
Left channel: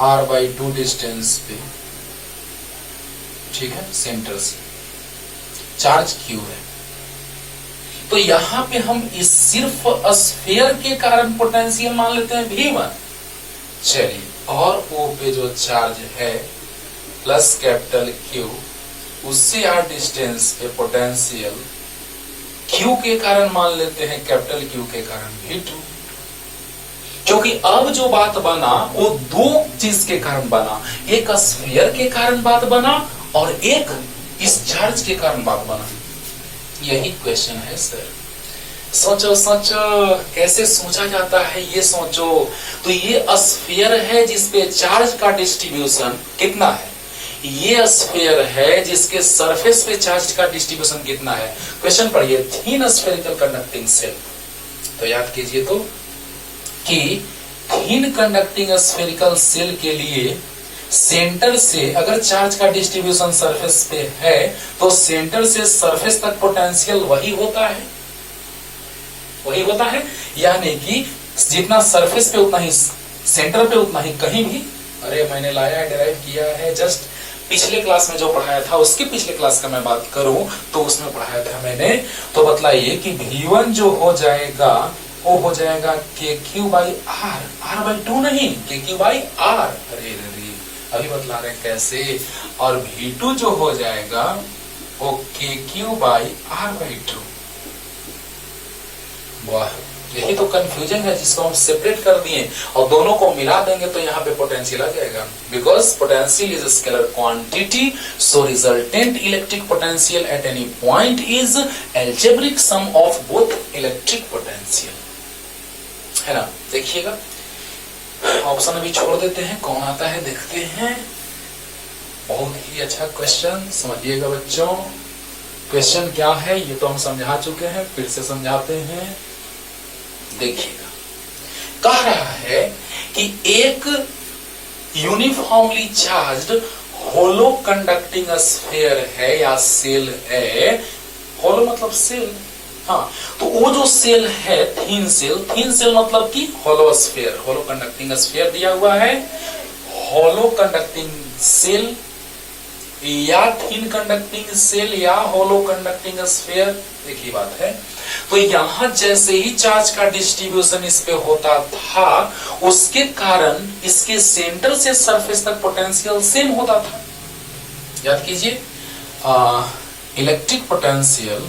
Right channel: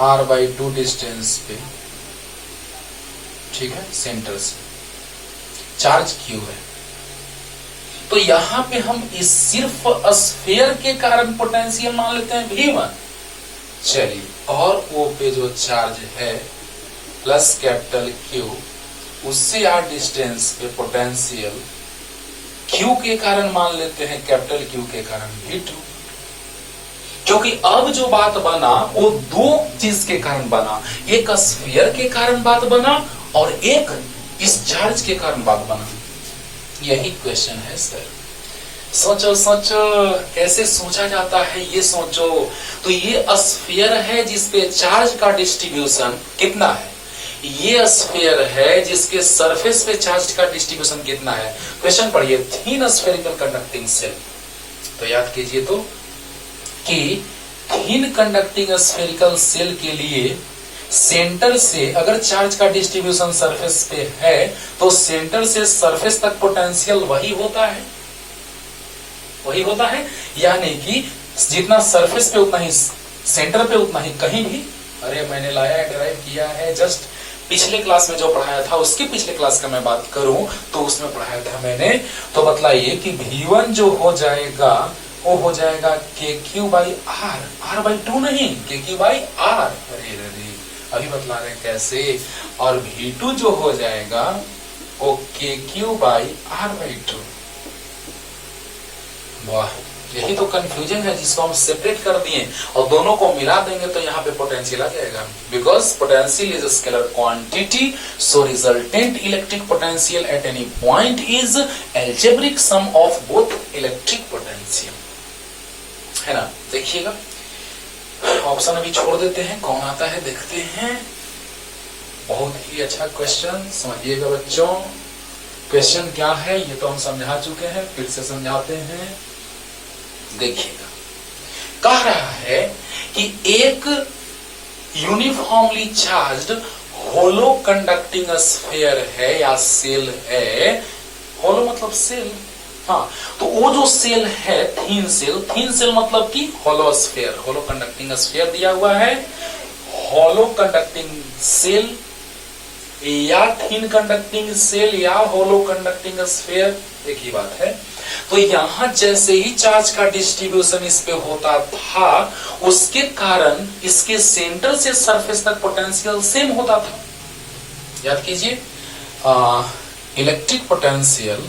r/2 डिस्टेंस पे, ठीक है, सेंटर से चार्ज Q है, तो यहां पे हम इस सिर्फ स्फीयर के कारण पोटेंशियल मान लेते हैं V1। चलिए, और O पे जो चार्ज है प्लस कैपिटल Q, उससे r डिस्टेंस पे पोटेंशियल Q के कारण मान लेते हैं कैपिटल Q के कारण V2। क्योंकि अब जो बात बना वो दो चीज के कारण बना, एक स्फीयर के कारण बात बना और एक इस चार्ज के कारण बात बना। यही क्वेश्चन है सर। सोचो सोचो कैसे सोचा जाता है, ये सोचो। तो ये स्फीयर है जिसपे चार्ज का डिस्ट्रीब्यूशन कितना है, ये स्फीयर है जिसके सरफेस पे चार्ज का डिस्ट्रीब्यूशन कितना है। क्वेश्चन पढ़िए, थीन स्फेरिकल कंडक्टिंग सेल। तो याद कीजिए तो कि थीन कंडक्टिंग स्फेरिकल सेल के लिए सेंटर से अगर चार्ज का डिस्ट्रीब्यूशन सरफेस पे है तो सेंटर से सरफेस तक पोटेंशियल वही होता है, वही होता है। यानी कि जितना सरफेस पे उतना ही सेंटर पे उतना ही कहीं भी। अरे मैंने लाया है, डिराइव किया है, जस्ट पिछले क्लास में जो पढ़ाया था उसके पिछले क्लास का मैं बात करूं तो उसमें पढ़ाया था मैंने। तो बतलाइए कि V1 जो हो जाएगा वो हो जाएगा KQ/R, R/2 नहीं, KQ/R। अरे अभी बतला रहे हैं कैसे। और V2 जो हो जाएगा वो KQ/R/2। वाह, यही तो कंफ्यूजन है जिसको हम सेपरेट कर दिए और दोनों को मिला देंगे तो यहाँ पे पोटेंशियल आ जाएगा। Because potential is a scalar quantity, so resultant electric potential at any point is algebraic sum of both electric potential, है ना। देखिएगा, ऑप्शन अभी छोड़ देते हैं, कौन आता है देखते हैं। बहुत ही अच्छा क्वेश्चन, समझिएगा बच्चों। क्वेश्चन क्या है ये तो हम समझा चुके हैं, फिर से समझाते हैं। देखिएगा, कह रहा है कि एक यूनिफॉर्मली चार्ज्ड होलो कंडक्टिंग स्फीयर है या सेल है। होलो मतलब सेल, हाँ। तो वो जो सेल है थीन सेल मतलब कि होलो स्फीयर, होलो कंडक्टिंग स्फीयर दिया हुआ है। होलो कंडक्टिंग सेल या थिन कंडक्टिंग सेल या होलो कंडक्टिंग स्फीयर, एक ही बात है। तो यहां जैसे ही चार्ज का डिस्ट्रीब्यूशन इस पे होता था उसके कारण इसके सेंटर से सरफेस तक पोटेंशियल सेम होता था। याद कीजिए, electric potential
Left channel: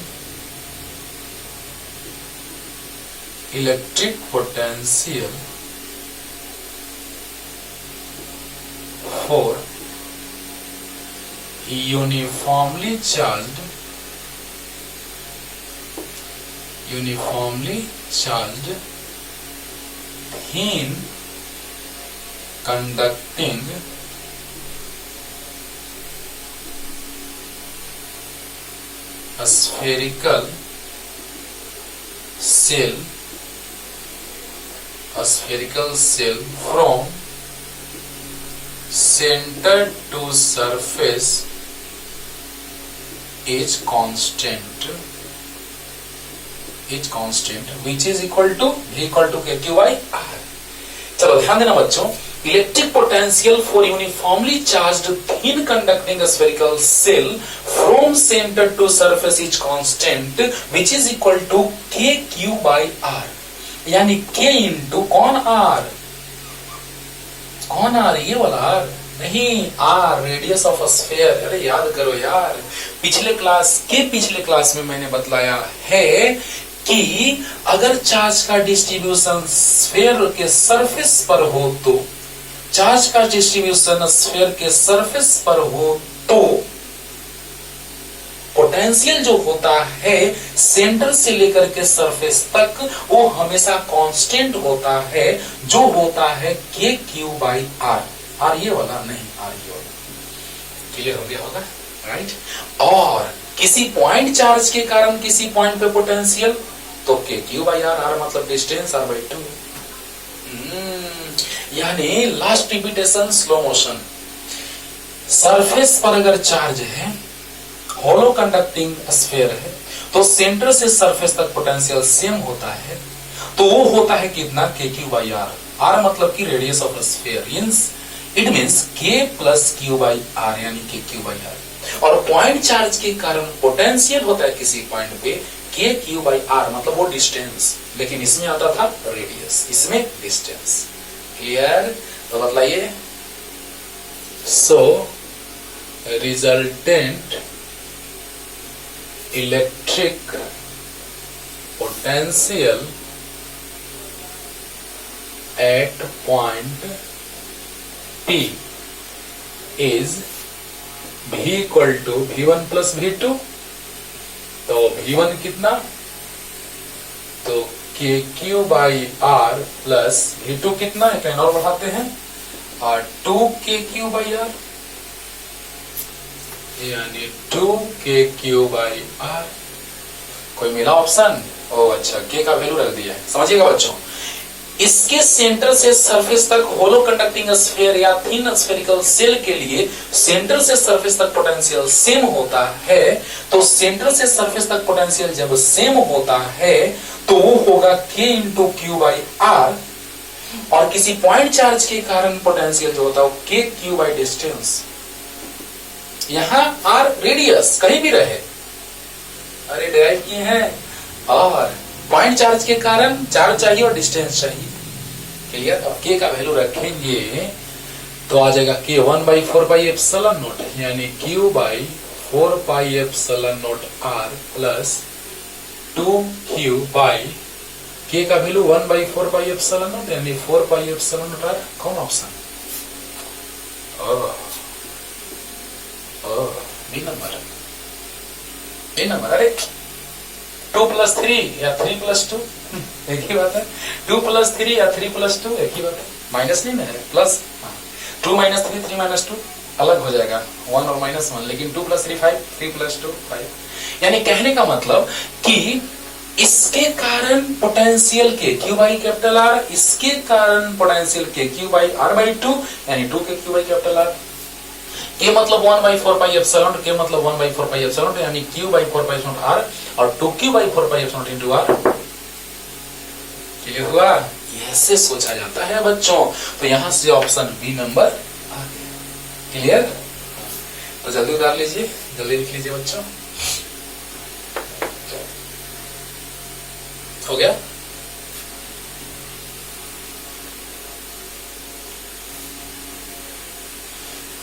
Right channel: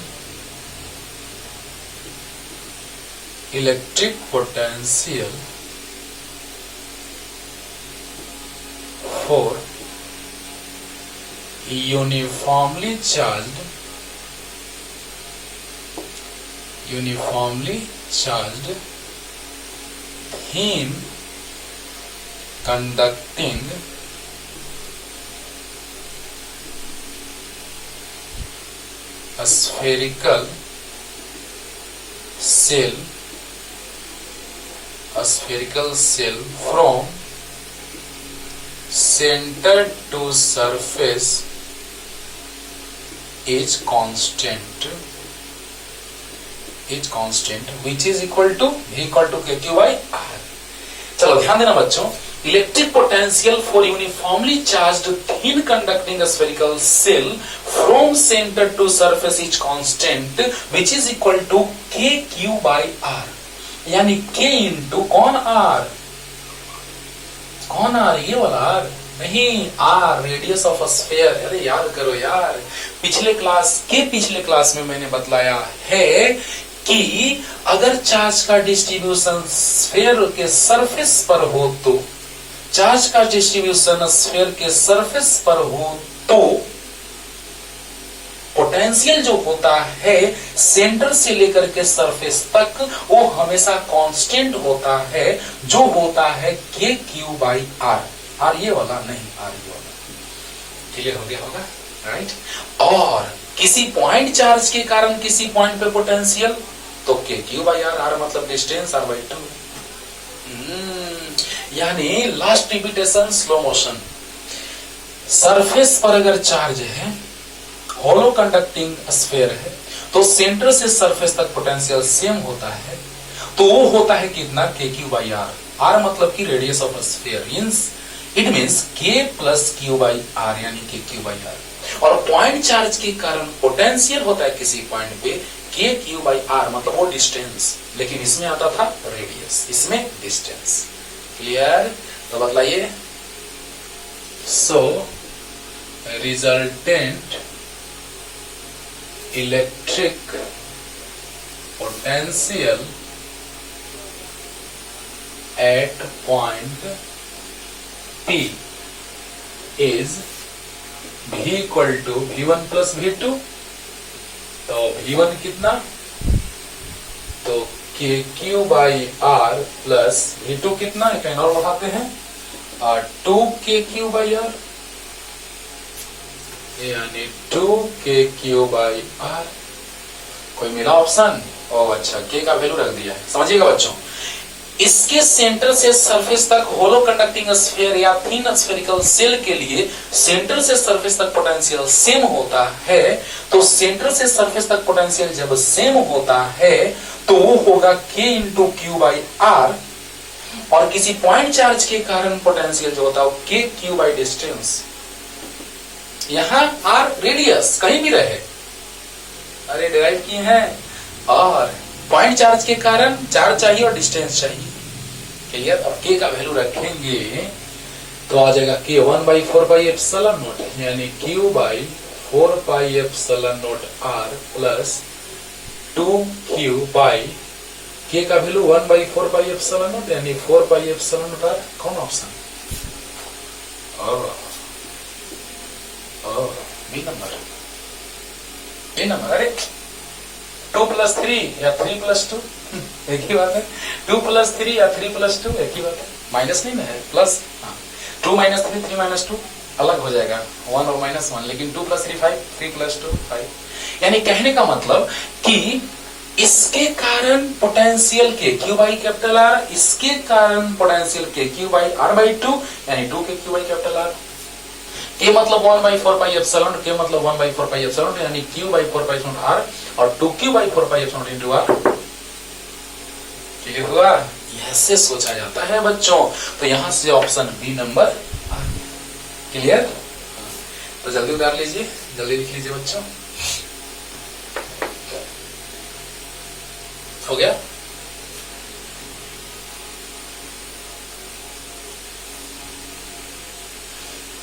for uniformly charged thin conducting spherical cell from center to surface is constant which is equal to V equal to KQ/R। चलो ध्यान देना बच्चों, electric potential for uniformly charged thin conducting spherical shell from centre to surface is constant which is equal to KQ/R। यानी K into कौन R, ये वाला R नहीं, R radius of sphere. अरे याद करो यार, पिछले क्लास में मैंने बतलाया है कि अगर चार्ज का डिस्ट्रीब्यूशन स्फीयर के सरफेस पर हो तो पोटेंशियल जो होता है सेंटर से लेकर के सरफेस तक वो हमेशा कांस्टेंट होता है, जो होता है KQ/R। R ये वाला नहीं, R ये वाला। क्लियर हो गया होगा, राइट। और किसी पॉइंट चार्ज के कारण किसी पॉइंट पे पोटेंशियल, तो के क्यू बाई आर, आर मतलब डिस्टेंस, आर बाई 2। यानी last repetition slow motion. Surface पर अगर चार्ज है, होलो कंडक्टिंग स्फीयर है, तो सेंटर से सरफेस तक पोटेंशियल सेम होता है, तो वो होता है कितना, के क्यू बाई आर। आर मतलब की radius of sphere, it means के प्लस क्यू बाई आर, यानी के क्यू बाई आर। और पॉइंट चार्ज के कारण पोटेंशियल होता है किसी पॉइंट पे के क्यू बाई आर, मतलब वो डिस्टेंस, लेकिन इसमें आता था रेडियस, इसमें डिस्टेंस। क्लियर? तो बतलाइए। So resultant electric potential at point P is V equal to V1 plus V2। तो V1 कितना, तो के Q by are plus V2 कितना, एक लाइन और बढ़ाते हैं, और 2 के क्यू बाई आर, यानी 2 के क्यू बाई आर। कोई मिला ऑप्शन? ओ अच्छा, के का वैल्यू रख दिया है, समझिएगा बच्चों। इसके सेंटर से सरफेस तक होलो कंडक्टिंग स्फीयर या थिन स्फेरिकल सेल के लिए सेंटर से सरफेस तक पोटेंशियल सेम होता है, तो सेंटर से सरफेस तक पोटेंशियल जब सेम होता है तो वो होगा k into Q by R, और किसी पॉइंट चार्ज के कारण पोटेंशियल जो होता है वो k क्यू बाई डिस्टेंस। यहां आर रेडियस कहीं भी रहे, अरे डिराइव किए हैं, और पॉइंट चार्ज के कारण चार्ज चाहिए और डिस्टेंस चाहिए। क्लियर? अब के का वैल्यू रखेंगे तो आ जाएगा के 1/4 पाई एप्सिलॉन नॉट, यानी Q by 4 pi epsilon naught R plus 2q by K का वैल्यू 1/4 पाई एप्सिलॉन नॉट, यानी 4 पाई एप्सिलॉन नॉट आर। कौन option? B number, B number. अरे 2 प्लस 3 या 3 प्लस 2 एक ही बात है, 2 प्लस 3 या 3 प्लस 2 एक ही बात है, माइनस नहीं है, प्लस। 2 माइनस 3, 3 माइनस 2 अलग हो जाएगा, 1 और माइनस 1, लेकिन 2 प्लस 3 5, 3 प्लस 2 5। यानी कहने का मतलब कि इसके कारण पोटेंशियल के क्यू बाई कैपिटल आर, इसके कारण पोटेंशियल के क्यू बाई आर बाई 2, यानी 2 के क्यू बाई कैपिटल आर। के मतलब 1/4 पाई एप्सिलॉन, के मतलब 1/4 पाई एप्सिलॉन, यानी Q by 4 pi epsilon R, और 2q by 4 pi epsilon into R. Clear हुआ? ऐसे सोचा जाता है बच्चों, तो यहां से ऑप्शन बी नंबर आ गया। क्लियर? तो जल्दी उतार लीजिए, जल्दी लिख लीजिए बच्चों। हो गया?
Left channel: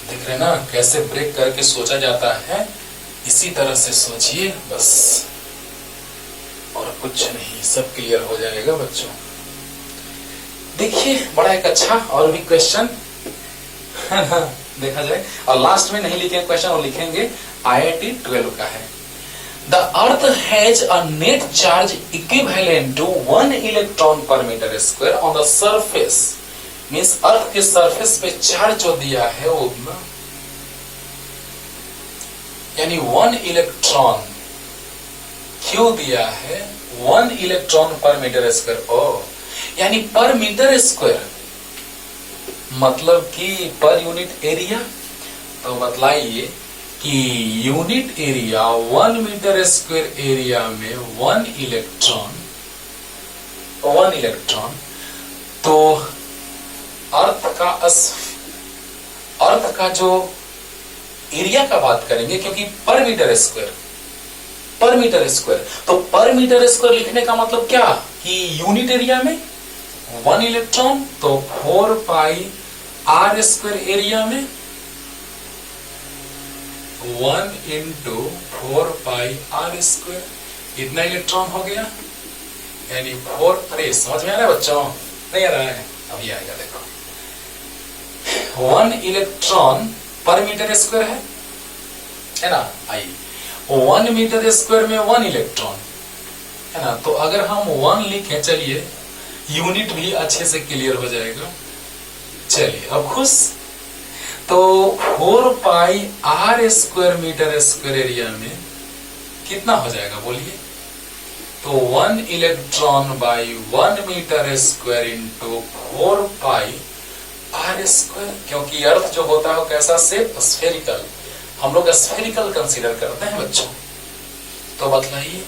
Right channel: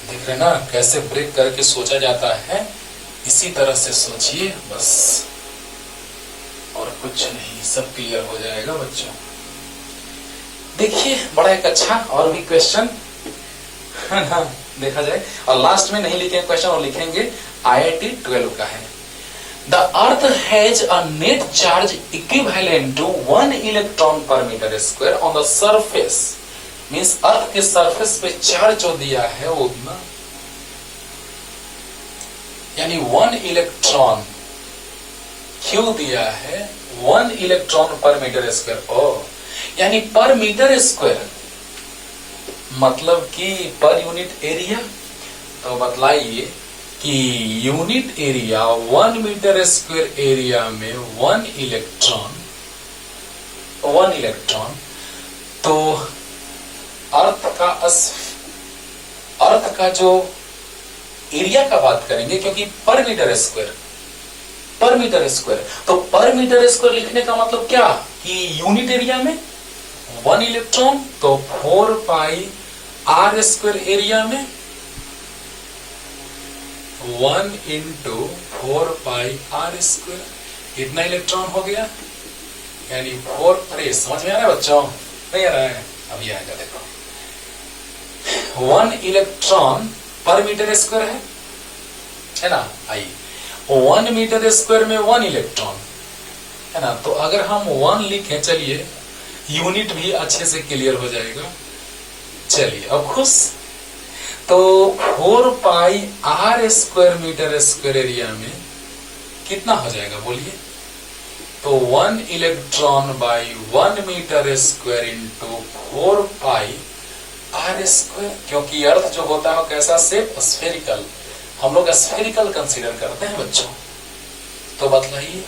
देख रहे ना कैसे ब्रेक करके सोचा जाता है, इसी तरह से सोचिए बस, और कुछ नहीं, सब क्लियर हो जाएगा बच्चों। देखिए बड़ा एक अच्छा और भी क्वेश्चन है ना, देखा जाए, और लास्ट में नहीं लिखेंगे क्वेश्चन, और लिखेंगे IIT 12 का है। The earth has a net charge equivalent to 1 electron per metre square on the surface, means earth के सरफेस पे चार्ज जो दिया है वो उतना, यानी 1 इलेक्ट्रॉन क्यू दिया है, 1 इलेक्ट्रॉन पर मीटर स्क्वायर। ओ यानी पर मीटर स्क्वायर मतलब कि पर यूनिट एरिया। तो बतलाइए कि unit area 1 metre square area में 1 इलेक्ट्रॉन, तो अर्थ का जो एरिया का बात करेंगे, क्योंकि पर मीटर स्क्वायर, तो पर मीटर स्क्वायर लिखने का मतलब क्या कि यूनिट एरिया में 1 इलेक्ट्रॉन, तो 4 पाई आर स्क्वायर एरिया में 1 इंटू 4 पाई आर स्क्वायर, इतना इलेक्ट्रॉन हो गया, यानी 4। अरे समझ में आ रहा है बच्चों? नहीं आ रहा है? अभी आएगा, देखो 1 इलेक्ट्रॉन पर मीटर स्क्वायर है ना, आई 1 मीटर स्क्वायर में 1 इलेक्ट्रॉन है ना, तो अगर हम 1 लिखें, चलिए यूनिट भी अच्छे से क्लियर हो जाएगा। चलिए अब खुश, तो 4 pi R square metre square area में कितना हो जाएगा बोलिए? तो 1 electron by 1 metre square into 4 pi R square, क्योंकि अर्थ जो होता है वो कैसा शेप? स्फेरिकल। हम लोग स्फेरिकल कंसीडर करते हैं बच्चों। तो बतलाइए,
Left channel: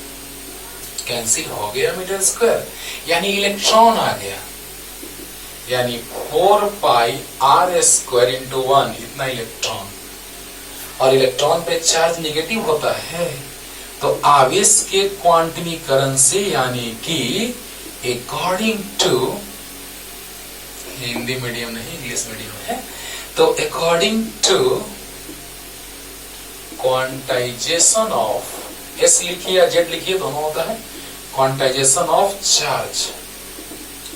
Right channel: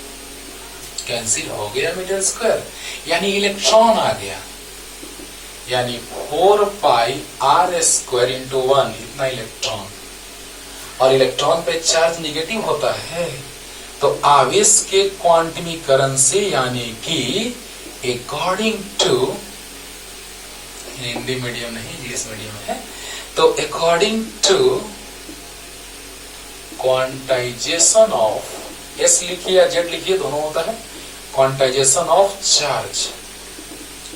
कैंसिल हो गया मीटर स्क्वायर, यानी इलेक्ट्रॉन आ गया, यानी 4 पाई आर स्क्वायर इंटू 1, इतना इलेक्ट्रॉन। और इलेक्ट्रॉन पे चार्ज निगेटिव होता है, तो आवेश के क्वांटमीकरण से, यानी कि अकॉर्डिंग टू, हिंदी मीडियम नहीं इंग्लिश मीडियम है, तो according to quantisation of, S लिखिए या जेड लिखिए, दोनों होता है, क्वांटाइजेशन ऑफ चार्ज।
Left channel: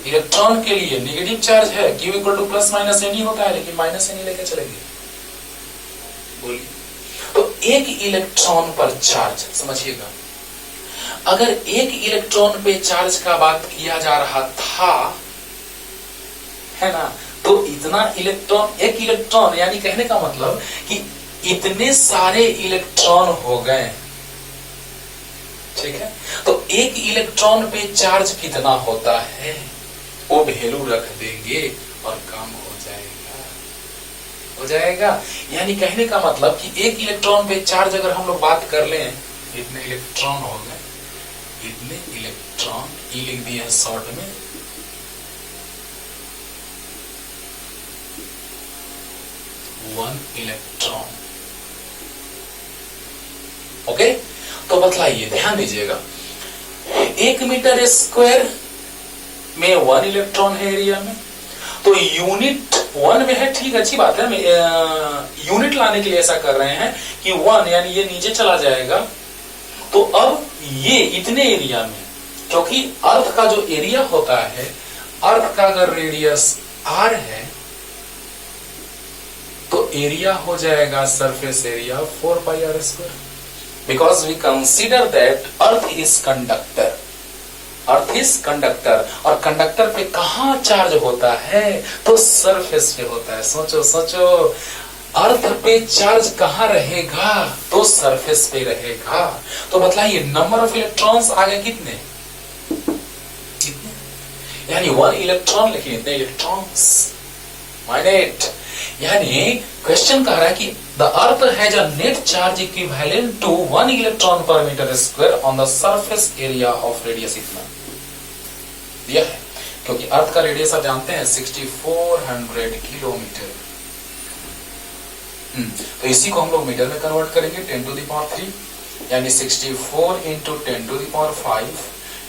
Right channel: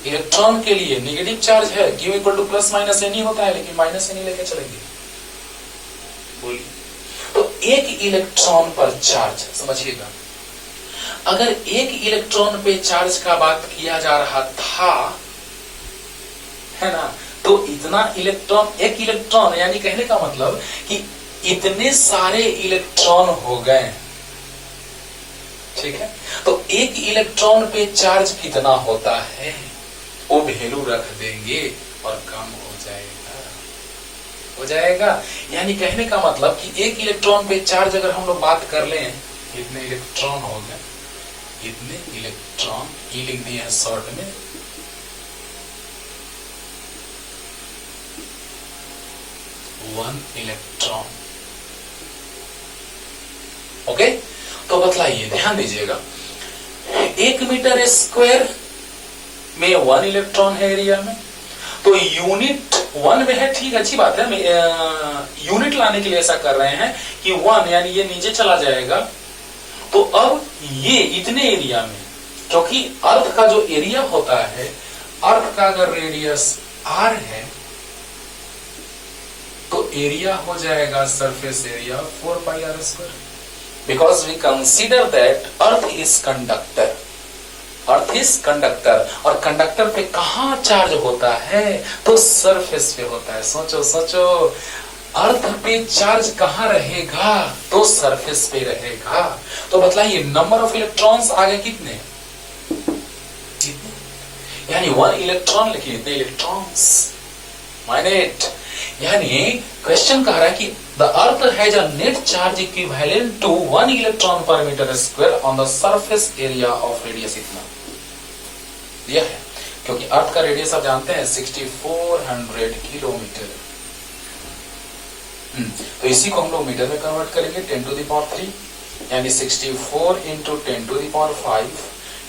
इलेक्ट्रॉन के लिए नेगेटिव चार्ज है, Q equal to plus minus N होता है, लेकिन माइनस एन लेके चलेंगे। बोलिए, तो एक इलेक्ट्रॉन पर चार्ज, समझिएगा, अगर एक इलेक्ट्रॉन पे चार्ज का बात किया जा रहा था, है ना, तो इतना इलेक्ट्रॉन, एक इलेक्ट्रॉन, यानी कहने का मतलब कि इतने सारे इलेक्ट्रॉन हो गए, ठीक है। तो एक इलेक्ट्रॉन पे चार्ज कितना होता है वो वैल्यू रख देंगे और काम हो जाएगा। यानी कहने का मतलब कि एक इलेक्ट्रॉन पे चार्ज अगर हम लोग बात कर लें, इतने इलेक्ट्रॉन हो गए, इतने इलेक्ट्रॉन, ई लिख दिया शॉर्ट में, वन इलेक्ट्रॉन। ओके, तो बतलाइए, ध्यान दीजिएगा, 1 मीटर स्क्वायर में 1 इलेक्ट्रॉन है एरिया में, तो यूनिट 1 में है, ठीक, अच्छी बात है, यूनिट लाने के लिए ऐसा कर रहे हैं कि 1, यानी ये नीचे चला जाएगा। तो अब ये इतने एरिया में, क्योंकि अर्थ का जो एरिया होता है, अर्थ का अगर रेडियस r है, तो एरिया हो जाएगा surface area 4 pi R square, because we consider that earth is conductor. Earth is conductor, और कंडक्टर पे कहां चार्ज होता है? तो सरफेस पे होता है। सोचो सोचो, अर्थ पे चार्ज कहां रहेगा? तो सरफेस पे रहेगा। तो बतलाइए, नंबर ऑफ इलेक्ट्रॉन्स आगे कितने? यानी 1 इलेक्ट्रॉन, लेकिन इतने इलेक्ट्रॉन्स माइनेट, यानी क्वेश्चन कह रहा है कि the earth has a net charge equivalent to 1 electron per metre square on the surface area of radius, इतना दिया है। क्योंकि अर्थ का रेडियस आप जानते हैं 6400 किलोमीटर। तो इसी को हम लोग मीटर में कन्वर्ट करेंगे, 10 टू द पावर 3, यानी 64 इंटू 10 टू द पावर 5,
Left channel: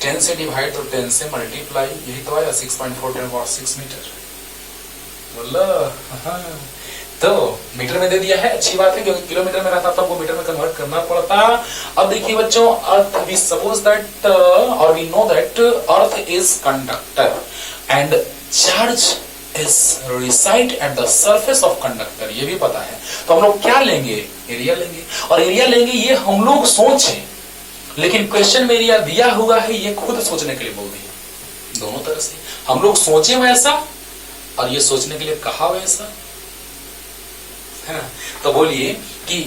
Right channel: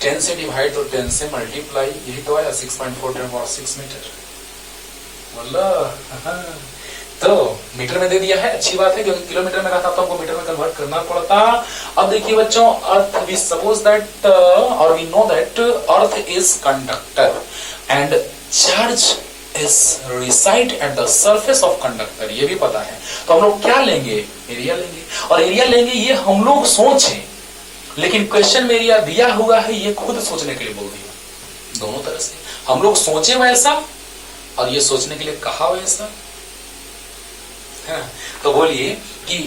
10 से डिवाइड तो 10 से मल्टीप्लाई, यही तो आया 6.4 मीटर। तो मीटर में दे दिया है, अच्छी बात है, क्योंकि किलोमीटर में रहता तब वो मीटर में कन्वर्ट करना पड़ता। अब देखिए बच्चों, अर्थ, वी सपोज दैट और we know that earth is conductor and charge is reside at the surface of conductor, ये भी पता है। तो हम लोग क्या लेंगे? एरिया लेंगे, और एरिया लेंगे, ये हम लोग सोचे, लेकिन क्वेश्चन में एरिया दिया हुआ है, ये खुद सोचने के लिए बोल दिया। दोनों तरह से हम लोग सोचे वैसा, और ये सोचने के लिए कहा वैसा है। तो बोलिए कि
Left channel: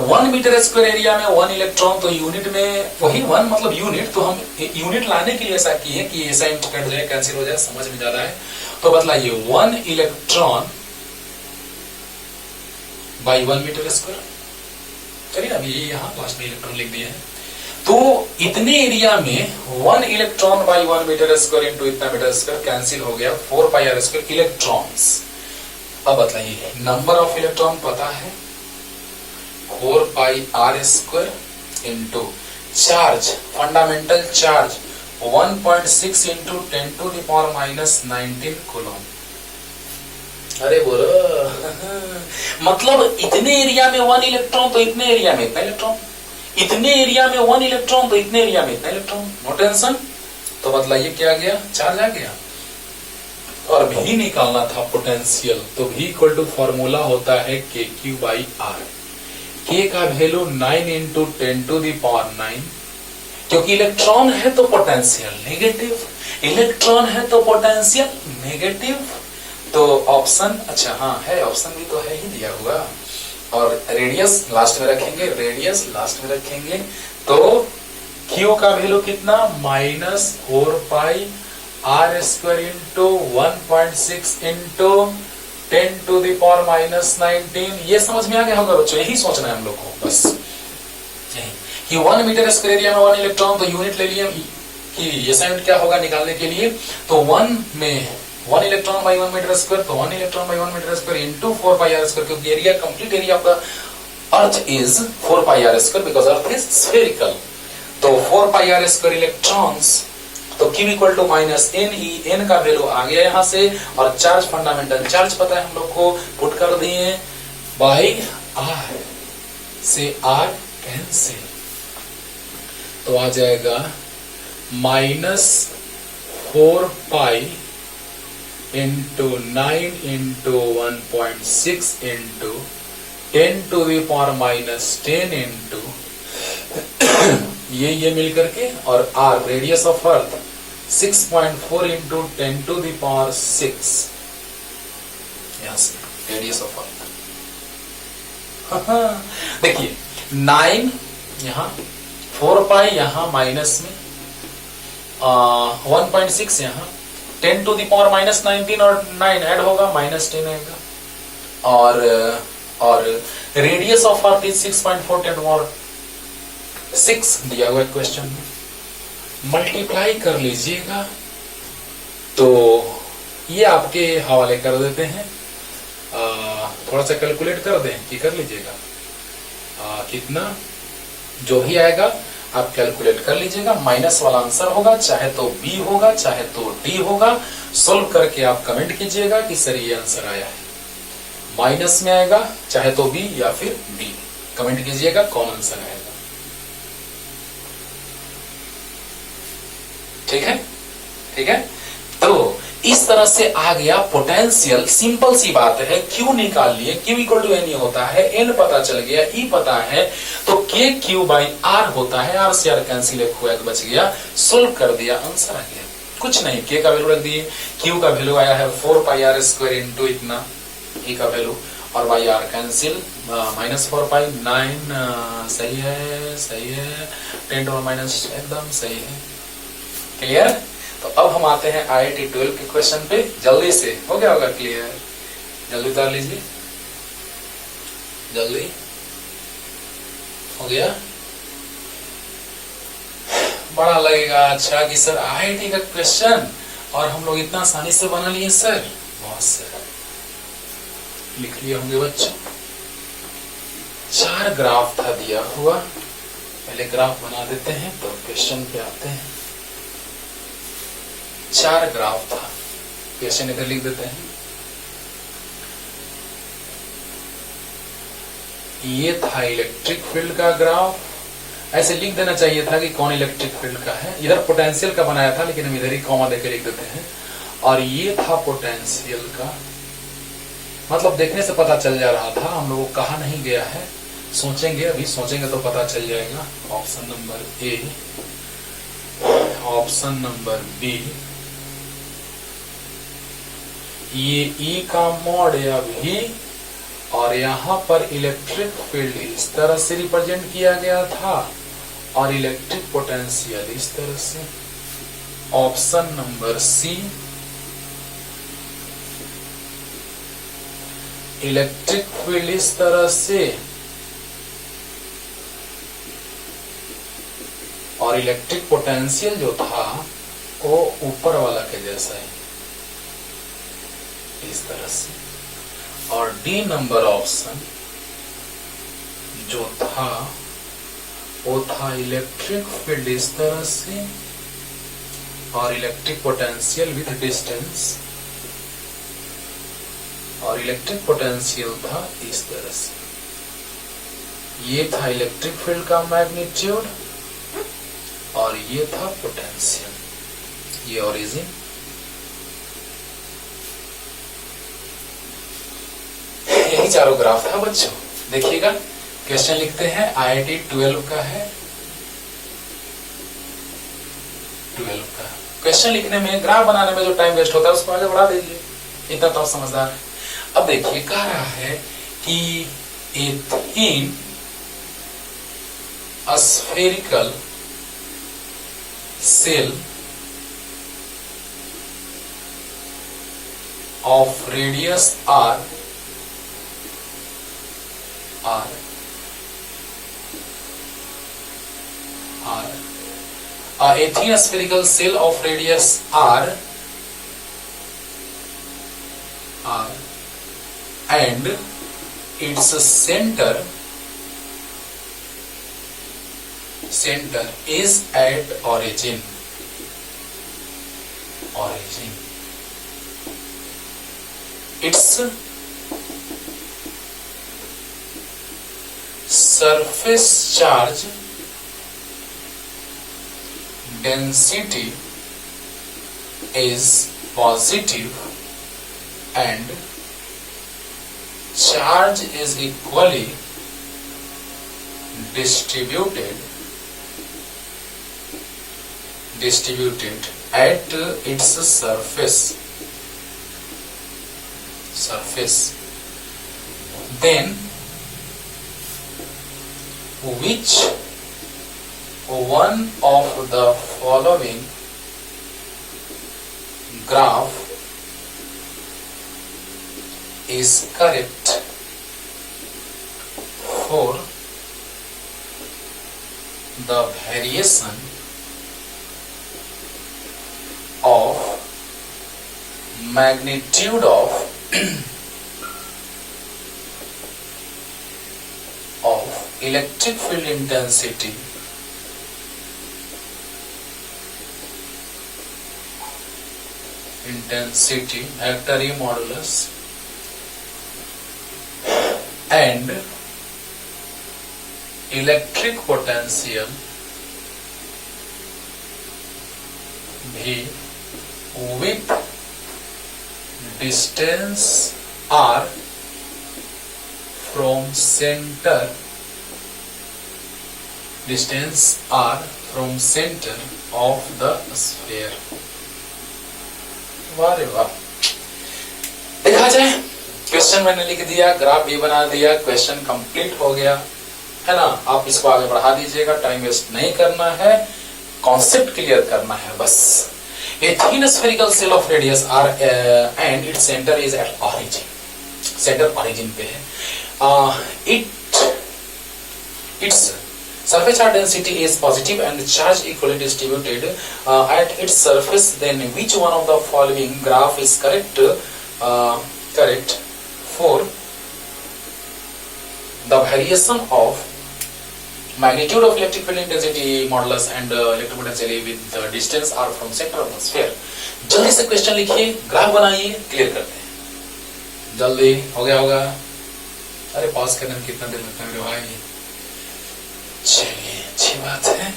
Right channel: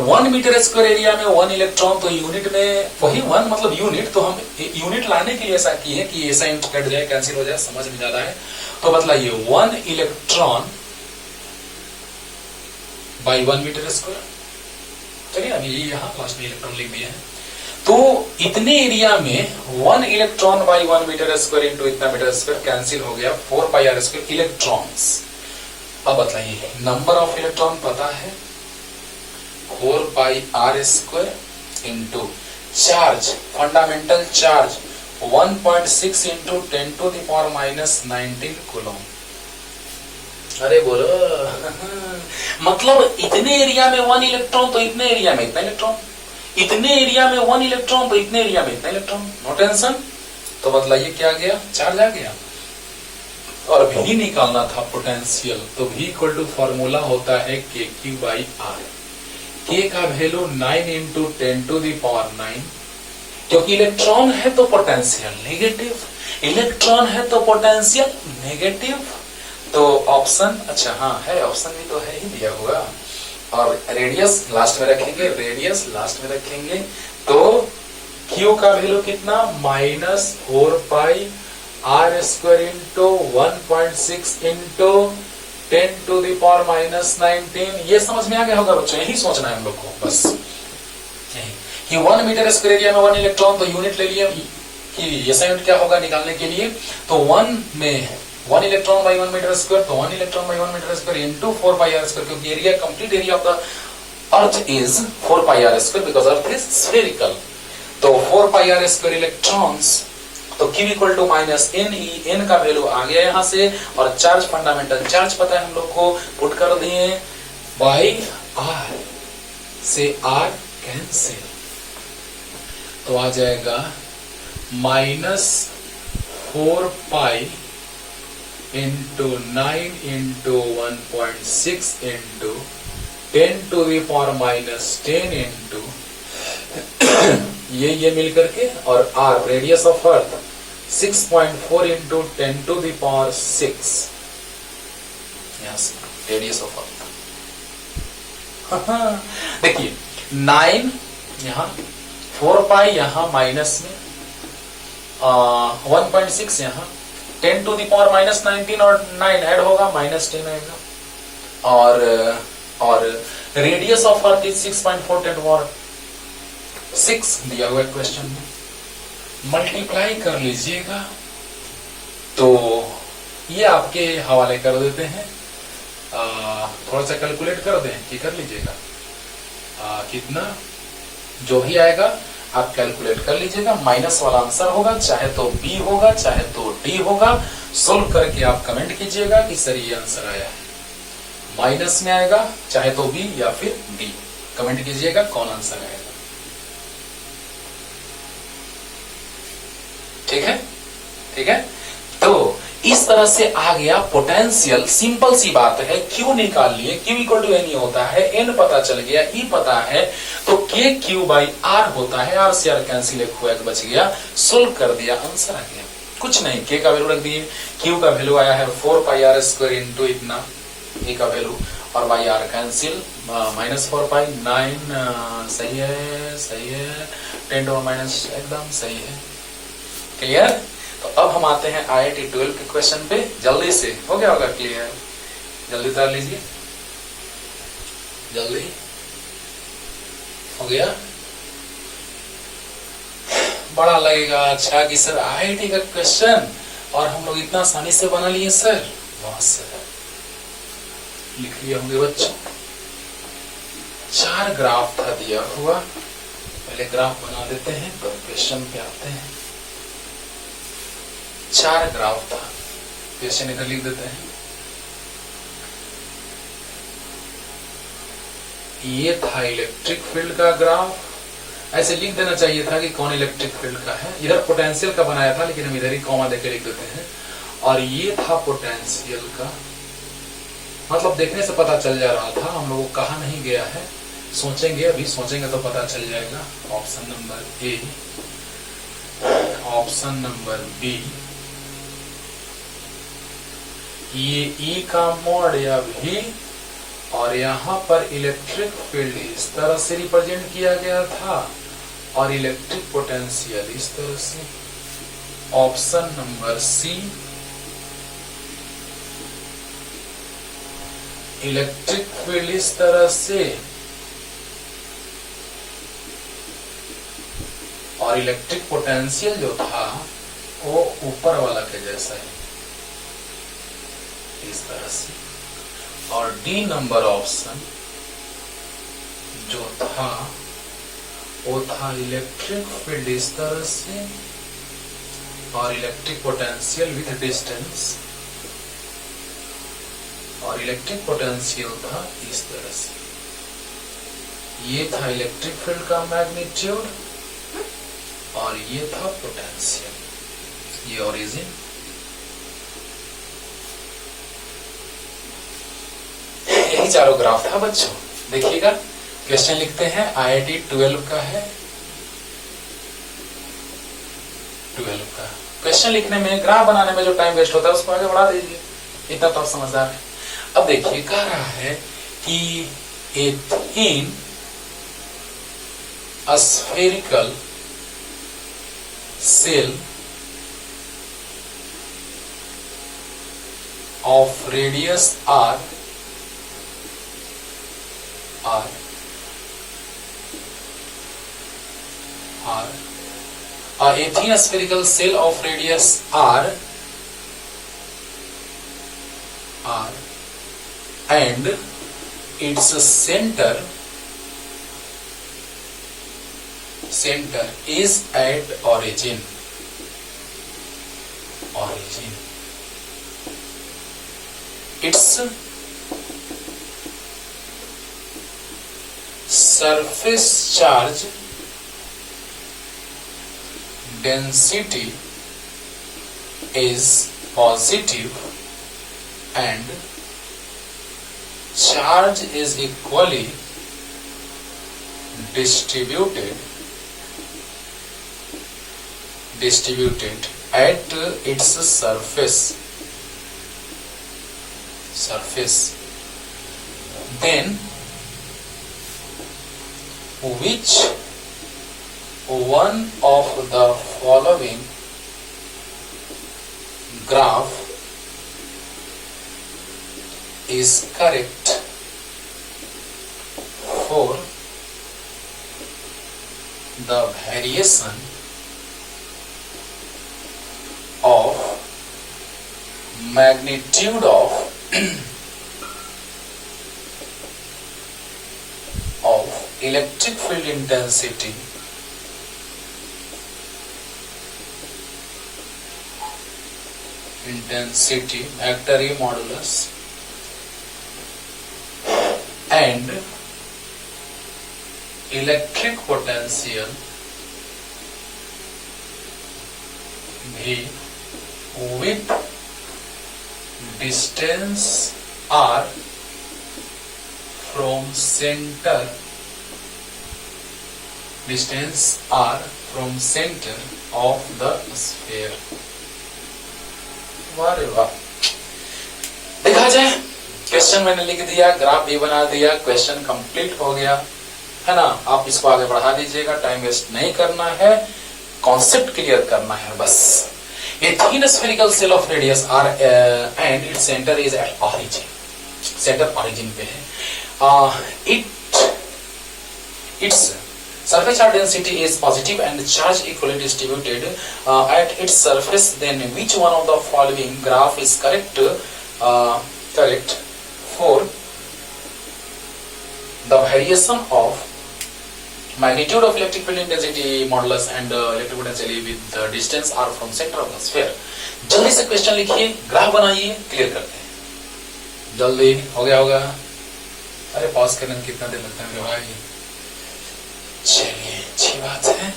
1 मीटर स्क्वायर एरिया में 1 इलेक्ट्रॉन, तो यूनिट में वही 1 मतलब यूनिट, तो हम यूनिट लाने के लिए ऐसा किए कि ऐसा कट जाए, कैंसिल हो जाए, समझ में जा रहा है। तो बतलाइए, 1 इलेक्ट्रॉन बाई 1 मीटर स्क्वायर, चलिए अभी यहां लास्ट में इलेक्ट्रॉन लिख दिया है। तो इतने एरिया में 1 electron by 1 metre square into इतना मीटर स्क्वायर, कैंसिल हो गया 4 पाई आर स्क्वायर इलेक्ट्रॉन्स। अब बताइए, नंबर ऑफ इलेक्ट्रॉन पता है 4 pi R square into charge, fundamental charge 1.6 into 10 to the power minus 19 coulomb. अरे बोलो, मतलब इतने एरिया में 1 इलेक्ट्रॉन, तो इतने एरिया में इतना इलेक्ट्रॉन, इतने एरिया में 1 इलेक्ट्रॉन, तो इतने एरिया में इतना इलेक्ट्रॉन, नो टेंशन। तो बतलाइए क्या आ गया? चार्ज आ गया। और भी निकालना था पोटेंशियल, तो भी इक्वल टू फॉर्मूला होता है KQ बाई R। K का value 9 into 10 to the power 9, क्योंकि इलेक्ट्रॉन है तो पोटेंशियल नेगेटिव, इलेक्ट्रॉन है तो पोटेंशियल नेगेटिव। तो ऑप्शन, अच्छा हाँ है, ऑप्शन भी तो है ही दिया हुआ। और रेडियस लास्ट में रखेंगे, रेडियस लास्ट में रखेंगे। तो Q का वैल्यू कितना, -4 r स्क्वायर इंटू 1.6 इंटू 10⁻⁻19। ये समझ में आ गया होगा बच्चों, यही सोचना है हम लोग को बस कि 1 मीटर स्क्वायर एरिया में 1 इलेक्ट्रॉन, तो यूनिट ले लिए कि असाइनमेंट क्या होगा निकालने के लिए। तो 1 में 1 इलेक्ट्रॉन बाई 1 मीटर स्क्वायर, तो 1 electron by 1 metre square into 4 pi R square, क्योंकि area, complete area of the earth is 4 pi R square because earth is spherical. तो 4 पाई आर स्क्वायर इलेक्ट्रॉन्स, तो Q equal to -NE, n का value आ गया यहां से, और charge, fundamental charge पता है हम लोग को, पुट कर दिए बाई R से R कैंसिल, तो आ जाएगा -4 pi into 9 into 1.6 into 10⁻⁻10 into ये मिलकर के, और R radius of earth 6.4 into 10⁶, यहां से रेडियस ऑफ अर्थ। देखिए 9 यहां, 4 पाई यहां माइनस में, 1.6 यहां, 10⁻⁻19 और 9 ऐड होगा, -10 आएगा, और रेडियस ऑफ अर्थ इज 6.4 10⁻6 दिया हुआ क्वेश्चन में, मल्टीप्लाई कर लीजिएगा। तो ये आपके हवाले कर देते हैं, थोड़ा सा कैलकुलेट कर दें कि कर लीजिएगा, कितना जो भी आएगा आप कैलकुलेट कर लीजिएगा। माइनस वाला आंसर होगा, चाहे तो बी होगा चाहे तो डी होगा। सोल्व करके आप कमेंट कीजिएगा कि सर ये आंसर आया है, माइनस में आएगा, चाहे तो बी या फिर डी, कमेंट कीजिएगा कौन आंसर आएगा। ठीक है, ठीक है। तो इस तरह से आ गया पोटेंशियल, सिंपल सी बात है। क्यू निकाल लिए, क्यू इक्वल टू एन होता है, एन पता चल गया, ई पता है, तो के क्यू बाई आर होता है, आर से आर कैंसिल, एक हुआ बच गया, सोल्व कर दिया, आंसर आ गया। कुछ नहीं, के का वैल्यू रख दिए, क्यू का वैल्यू आया है 4 पाई आर स्क्वायर इंटू इतना, ए का वैल्यू, और बाई आर कैंसिल, -4 पाई 9, सही है, सही है, 10 और माइनस एकदम सही है। क्लियर। तो अब हम आते हैं IIT 12 के क्वेश्चन पे, जल्दी से हो गया होगा क्लियर, जल्दी उतार लीजिए, जल्दी हो गया। बड़ा लगेगा अच्छा कि सर IIT का क्वेश्चन और हम लोग इतना आसानी से बना लिए सर, बहुत से लिख लिए होंगे बच्चों। 4 ग्राफ था दिया हुआ, पहले ग्राफ बना देते हैं तो क्वेश्चन पे आते हैं। 4 ग्राफ था, क्वेश्चन इधर लिख देते हैं। ये था इलेक्ट्रिक फील्ड का ग्राफ, ऐसे लिख देना चाहिए था कि कौन इलेक्ट्रिक फील्ड का है। इधर पोटेंशियल का बनाया था, लेकिन हम इधर ही कॉमा देकर लिख देते हैं। और ये था पोटेंशियल का, मतलब देखने से पता चल जा रहा था, हम लोगों को कहा नहीं गया है, सोचेंगे, अभी सोचेंगे तो पता चल जाएगा। Option number A, option number B, ये ई का मॉड या भी, और यहां पर इलेक्ट्रिक फील्ड इस तरह से रिप्रेजेंट किया गया था, और इलेक्ट्रिक पोटेंशियल इस तरह से। Option number C, electric field इस तरह से, और इलेक्ट्रिक पोटेंशियल जो था वो ऊपर वाला के जैसा है, इस तरह से। और डी नंबर ऑप्शन जो था वो था इलेक्ट्रिक फील्ड इस तरह से, और इलेक्ट्रिक पोटेंशियल विथ डिस्टेंस, और इलेक्ट्रिक पोटेंशियल था इस तरह से। ये था इलेक्ट्रिक फील्ड का मैग्नीट्यूड, और ये था पोटेंशियल, ये ओरिजिन। यही चारों ग्राफ था बच्चों। देखिएगा क्वेश्चन लिखते हैं, IIT 12 का है, 12 का क्वेश्चन लिखने में, ग्राफ बनाने में जो टाइम वेस्ट होता है उसको आगे बढ़ा दीजिए, इतना तो आप समझदार है। अब देखिए कह रहा है कि ए थीन spherical cell of radius r a thin spherical cell of radius r and its center is at origin. Its surface charge density is positive and charge is equally distributed at its surface. Then which one of the following graph is correct for the variation of magnitude of electric field intensity vector E modulus and electric potential V with distance r from center of the sphere. वाह रे वाह। देखा जाए question मैंने लिख दिया, graph भी बना दिया, क्वेश्चन कंप्लीट हो गया है ना। आप इसको आगे बढ़ा दीजिएगा, टाइम वेस्ट नहीं करना है, कॉन्सेप्ट क्लियर करना है बस। A thin spherical cell of radius r and its center is at origin. Centre origin पे है। Its surface charge density is positive and charge equally distributed at its surface. Then which one of the following graph is correct for the variation of magnitude of electric field intensity modulus and electric potential with the distance r from center of the sphere. जल्दी से question लिखिए, graph बनाइए, clear करते हैं। जल्दी हो गया होगा। अरे पॉज करने में कितना देर लगता है मेरे भाई। चलिए अच्छी बात है।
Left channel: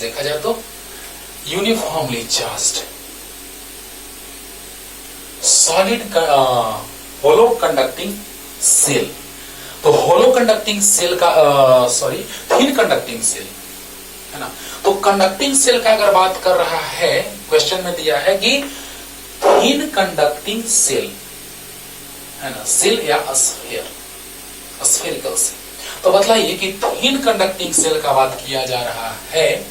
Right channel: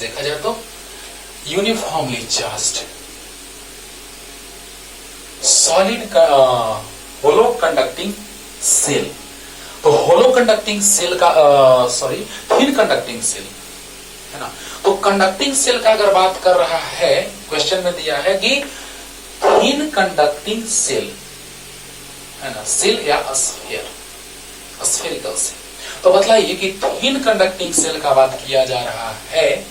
देखा जाए तो यूनिफॉर्मली चार्ज्ड सॉलिड होलो कंडक्टिंग सेल। तो होलो कंडक्टिंग सेल का थिन कंडक्टिंग सेल है ना। तो कंडक्टिंग सेल का अगर बात कर रहा है, क्वेश्चन में दिया है कि थिन कंडक्टिंग सेल है ना, सेल या स्फेरिकल सेल। तो बताइए कि थिन कंडक्टिंग सेल का बात किया जा रहा है।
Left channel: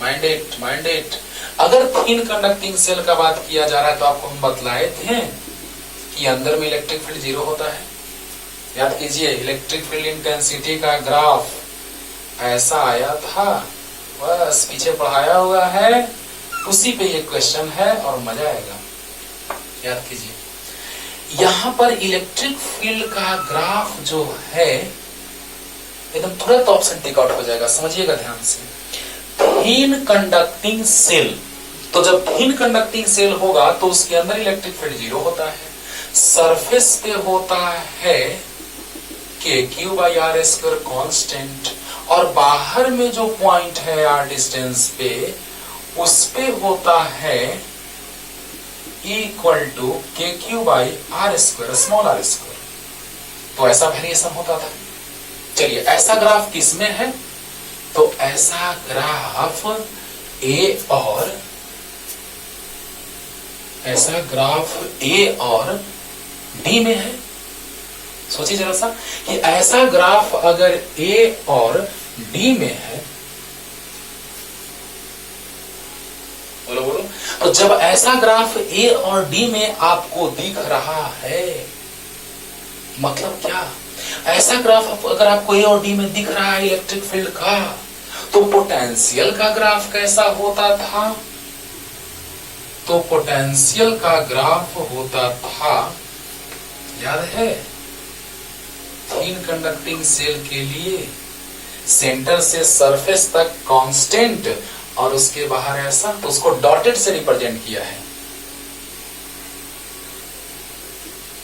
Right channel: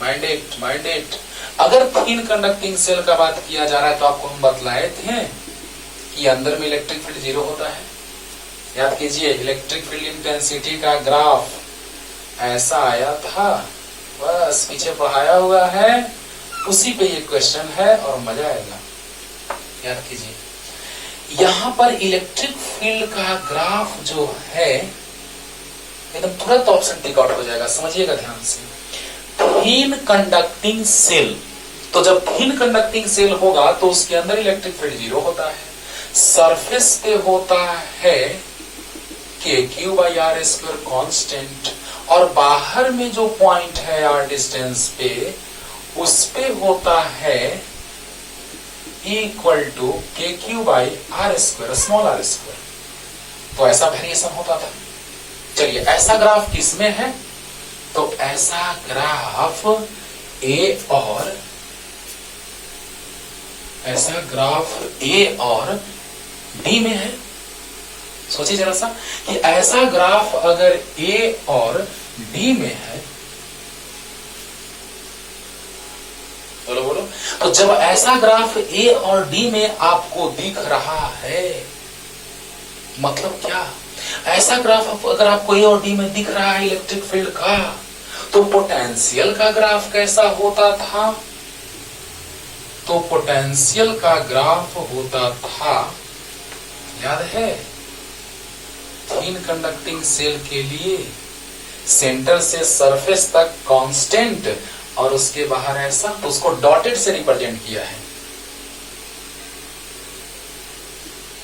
माइंडेड अगर थिन कंडक्टिंग सेल का बात किया जा रहा है तो आपको हम बतलाए थे कि अंदर में इलेक्ट्रिक फील्ड 0 होता है। याद कीजिए, इलेक्ट्रिक फील्ड इंटेंसिटी का ग्राफ ऐसा आया था, बस पीछे पढ़ाया हुआ है, उसी पे ये क्वेश्चन है और मजा आएगा। याद कीजिए, यहां पर इलेक्ट्रिक फील्ड का ग्राफ जो है एकदम तुरंत ऑप्शन टिक आउट हो जाएगा, समझिएगा ध्यान से। थिन कंडक्टिंग सेल, तो जब थिन कंडक्टिंग सेल होगा तो उसके अंदर इलेक्ट्रिक फील्ड 0 होता है, सरफेस पे होता है KQ/R² कांस्टेंट, और बाहर में जो पॉइंट है r डिस्टेंस पे, उस पे होता है E=KQ/R², स्मॉल r²। तो ऐसा वेरिएशन होता था। चलिए ऐसा ग्राफ किसमें है, तो ऐसा ग्राफ A और ऐसा ग्राफ ए और डी में है, सोचिए जरा सा कि ऐसा ग्राफ अगर ए और डी में है, बोलो बोलो, तो जब ऐसा ग्राफ ए और डी में आपको दिख रहा है, मतलब क्या, ऐसा ग्राफ अगर आपको ए और डी में दिख रहा है इलेक्ट्रिक फील्ड का, तो पोटेंशियल का ग्राफ कैसा होता था, तो पोटेंशियल का ग्राफ होता था, याद है, थिन कंडक्टिंग सेल के लिए सेंटर से सरफेस तक कांस्टेंट और उसके बाहर ऐसा, तो उसको डॉटेड से रिप्रेजेंट किया है।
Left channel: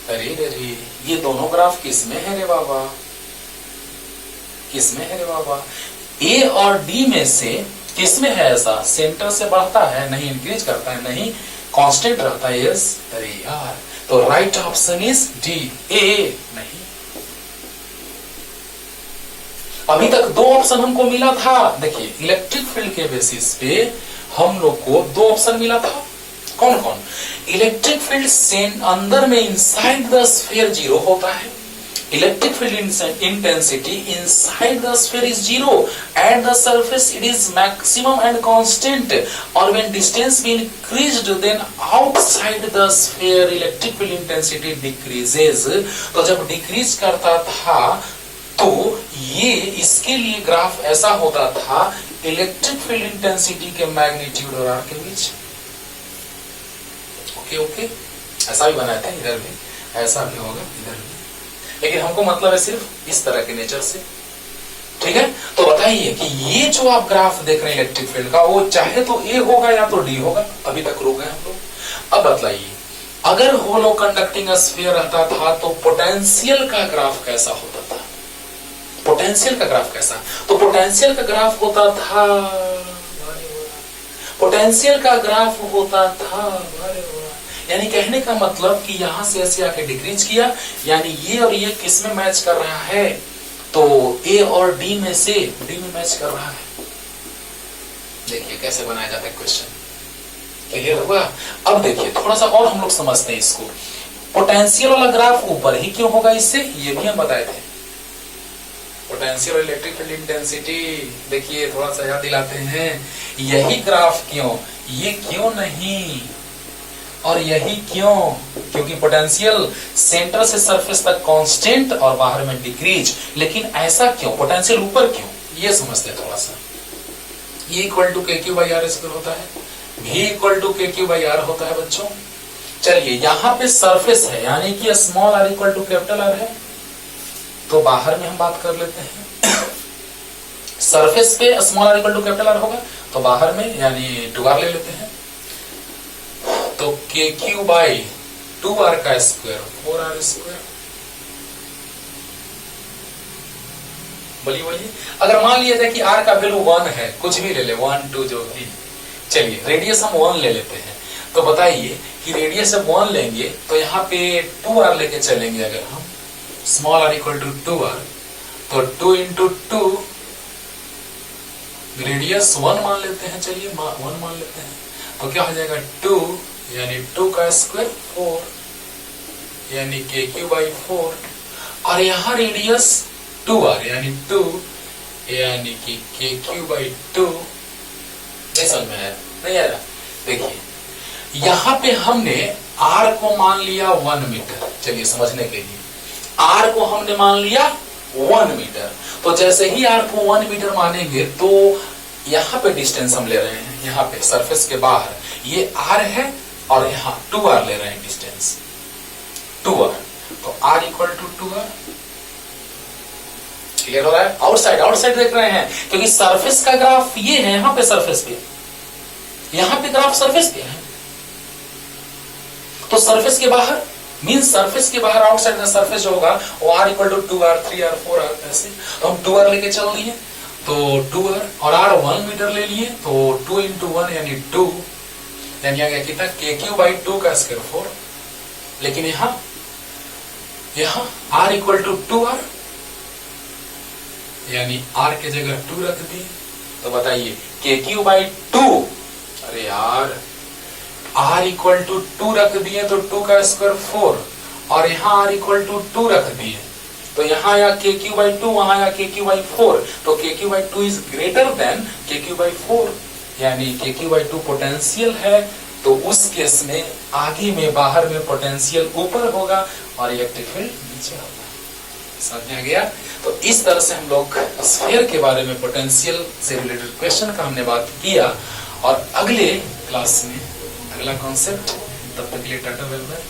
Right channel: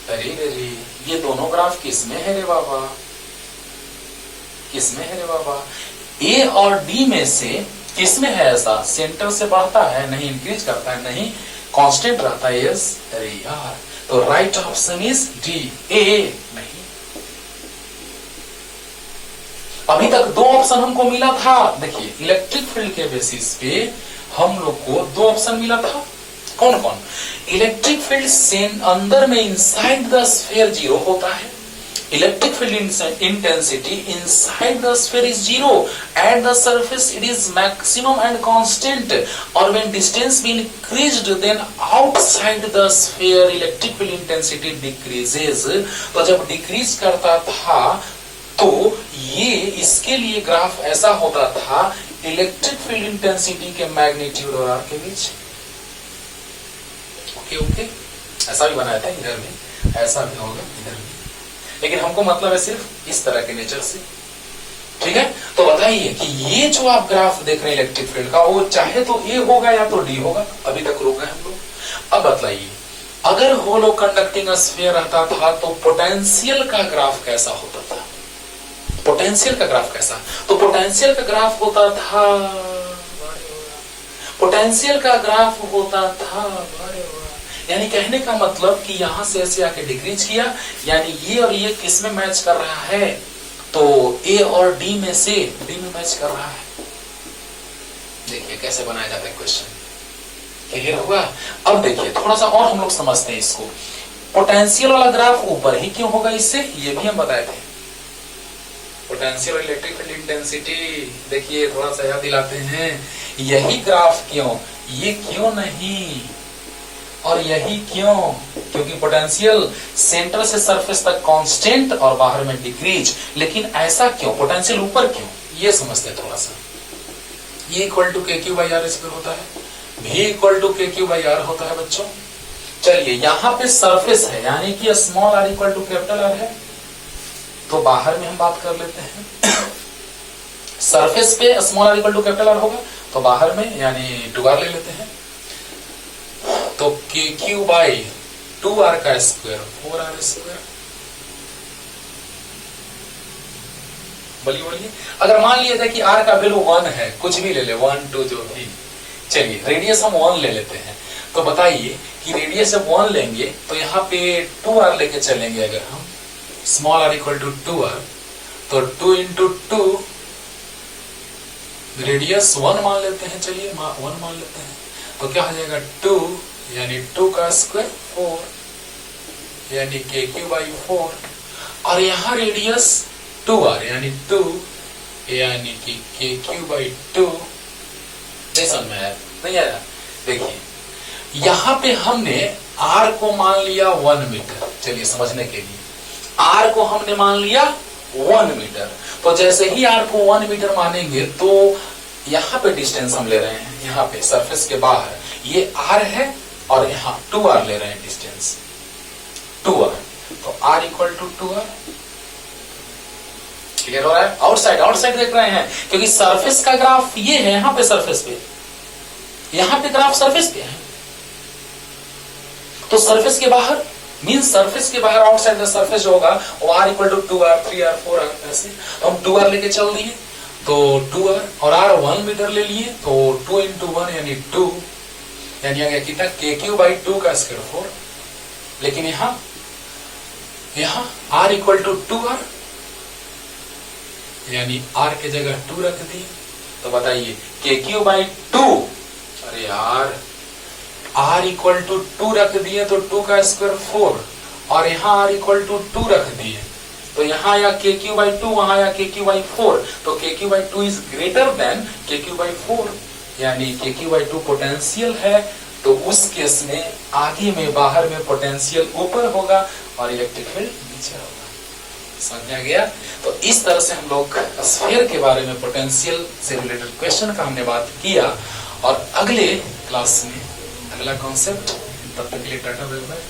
अरे अरे ये दोनों ग्राफ किसमें है रे बाबा, किसमें है रे बाबा, ए और डी में से किसमें है ऐसा, सेंटर से बढ़ता है नहीं, इंक्रीज करता है नहीं, कांस्टेंट रहता है, यस, अरे यार, तो राइट ऑप्शन इज डी, ए नहीं। अभी तक दो ऑप्शन हमको मिला था, देखिए इलेक्ट्रिक फील्ड के बेसिस पे हम लोग को दो ऑप्शन मिला था, कौन कौन, इलेक्ट्रिक फील्ड अंदर में इनसाइड द स्फीयर जीरो होता है, electric field intensity inside the sphere is zero, at the surface it is maximum and constant, और when distance be increased then outside the sphere electric field intensity decreases, तो जब decrease करता था तो ये इसके लिए ग्राफ ऐसा होता था इलेक्ट्रिक फील्ड इंटेंसिटी के मैग्नीट्यूड और आर के बीच, ओके ओके, ऐसा भी बनाया था इधर भी, ऐसा भी होगा इधर भी, लेकिन हमको मतलब है सिर्फ इस तरह के नेचर से, ठीक है। तो बताइए कि ये जो आप ग्राफ देख रहे हैं इलेक्ट्रिक फील्ड का, वो चाहे तो ए होगा या तो डी होगा, अभी तक रुक गए हम लोग। अब बताइए अगर होलो कंडक्टिंग स्फीयर रहता था तो पोटेंशियल का ग्राफ कैसा होता था, पोटेंशियल का ग्राफ कैसा, तो पोटेंशियल का ग्राफ होता था, पोटेंशियल का ग्राफ होता था, यानी कहने का मतलब कि यहां से ऐसे आके डिक्रीज किया, यानी ये और ये किस में मैच कर रहा है, तो ए और डी में से डी में मैच कर रहा है। देखिए कैसे बनाया जाता है क्वेश्चन, क्लियर हुआ। अब देखिए थोड़ा सा और हम लोग समझते हैं इसको, पोटेंशियल वाला ग्राफ ऊपर ही क्यों होगा इससे, ये भी हम बताए थे, पोटेंशियल और इलेक्ट्रिक फील्ड इंटेंसिटी, देखिए थोड़ा सा याद दिलाते हैं, यही ग्राफ क्यों, ये क्यों नहीं, और यही क्यों, क्योंकि पोटेंशियल सेंटर से सरफेस तक कांस्टेंट और बाहर में डिक्रीज, लेकिन ऐसा क्यों, पोटेंशियल ऊपर क्यों, ये समझते हैं थोड़ा सा। E इक्वल टू के क्यू बाई आर स्क्वायर होता है, V इक्वल टू के क्यू बाई आर होता है बच्चों। चलिए यहाँ पे सरफेस है, यानी कि small R equal to capital R है, तो बाहर में हम बात कर लेते हैं सरफेस पे small R equal to capital R होगा, तो बाहर में यानी 2r ले लेते हैं, तो के क्यू बाई 2r का स्क्वायर 4r स्क्वायर। बोलिए बोलिए, अगर मान लिया जाए कि r का वैल्यू 1 है, कुछ भी ले ले 1 2 जो भी, चलिए रेडियस हम 1 ले लेते हैं, तो बताइए कि रेडियस जब 1 लेंगे तो यहाँ पे 2r लेके चलेंगे, अगर हम small r equal to 2r, तो 2 इंटू 2 रेडियस 1 मान लेते हैं, चलिए 1 मान लेते हैं, तो क्या हो जाएगा 2 यानी 2 का स्क्वायर 4 यानी के क्यू बाई 4, और यहाँ रेडियस 2r यानी 2 यानी कि के क्यू बाई 2, नहीं समझ में आया, नहीं आया। देखिए यहाँ पे हमने r को मान लिया 1 मीटर, चलिए समझने के लिए r को हमने मान लिया 1 मीटर, तो जैसे ही r को 1 मीटर मानेंगे तो यहाँ पे डिस्टेंस हम ले रहे हैं, यहाँ पे सरफेस के बाहर ये r है और यहाँ 2r ले रहे हैं डिस्टेंस 2r, तो r equal to 2r, clear हो रहा है। आउटसाइड देख रहे हैं, क्योंकि सरफेस का ग्राफ ये है, यहाँ पे सरफेस पे, यहाँ पे ग्राफ सरफेस पे है, तो सरफेस के बाहर मीन सरफेस के बाहर आउटसाइड द सरफेस जो होगा वो r equal to 2r 3r 4r ऐसे, तो हम 2r लेके चल दिए, तो 2r और r 1 मीटर ले लिए, तो 2 इंटू 1 यानी 2, यानी आ गया कितना के क्यू बाई 2 का स्क्वायर 4, लेकिन यहाँ r इक्वल टू 2r यानी r के जगह 2 रख दिए, तो बताइए के क्यू बाई 2, अरे यार r इक्वल टू 2 रख दिए तो 2 का स्क्वायर 4, और यहाँ r इक्वल टू 2 रख दिए तो यहाँ या KQ/2, वहां या KQ/4, तो KQ/2 is greater than KQ/4, यानी KQ/2 पोटेंशियल है, तो उस केस में आगे में बाहर में पोटेंशियल ऊपर होगा और इलेक्ट्रिक फील्ड नीचे होगा। समझ में आ गया? तो इस तरह से हम लोग स्फीयर के बारे में पोटेंशियल से रिलेटेड क्वेश्चन का हमने बात किया, और अगले क्लास में अगला कॉन्सेप्ट, तब तक के लिए टाटा बाय बाय।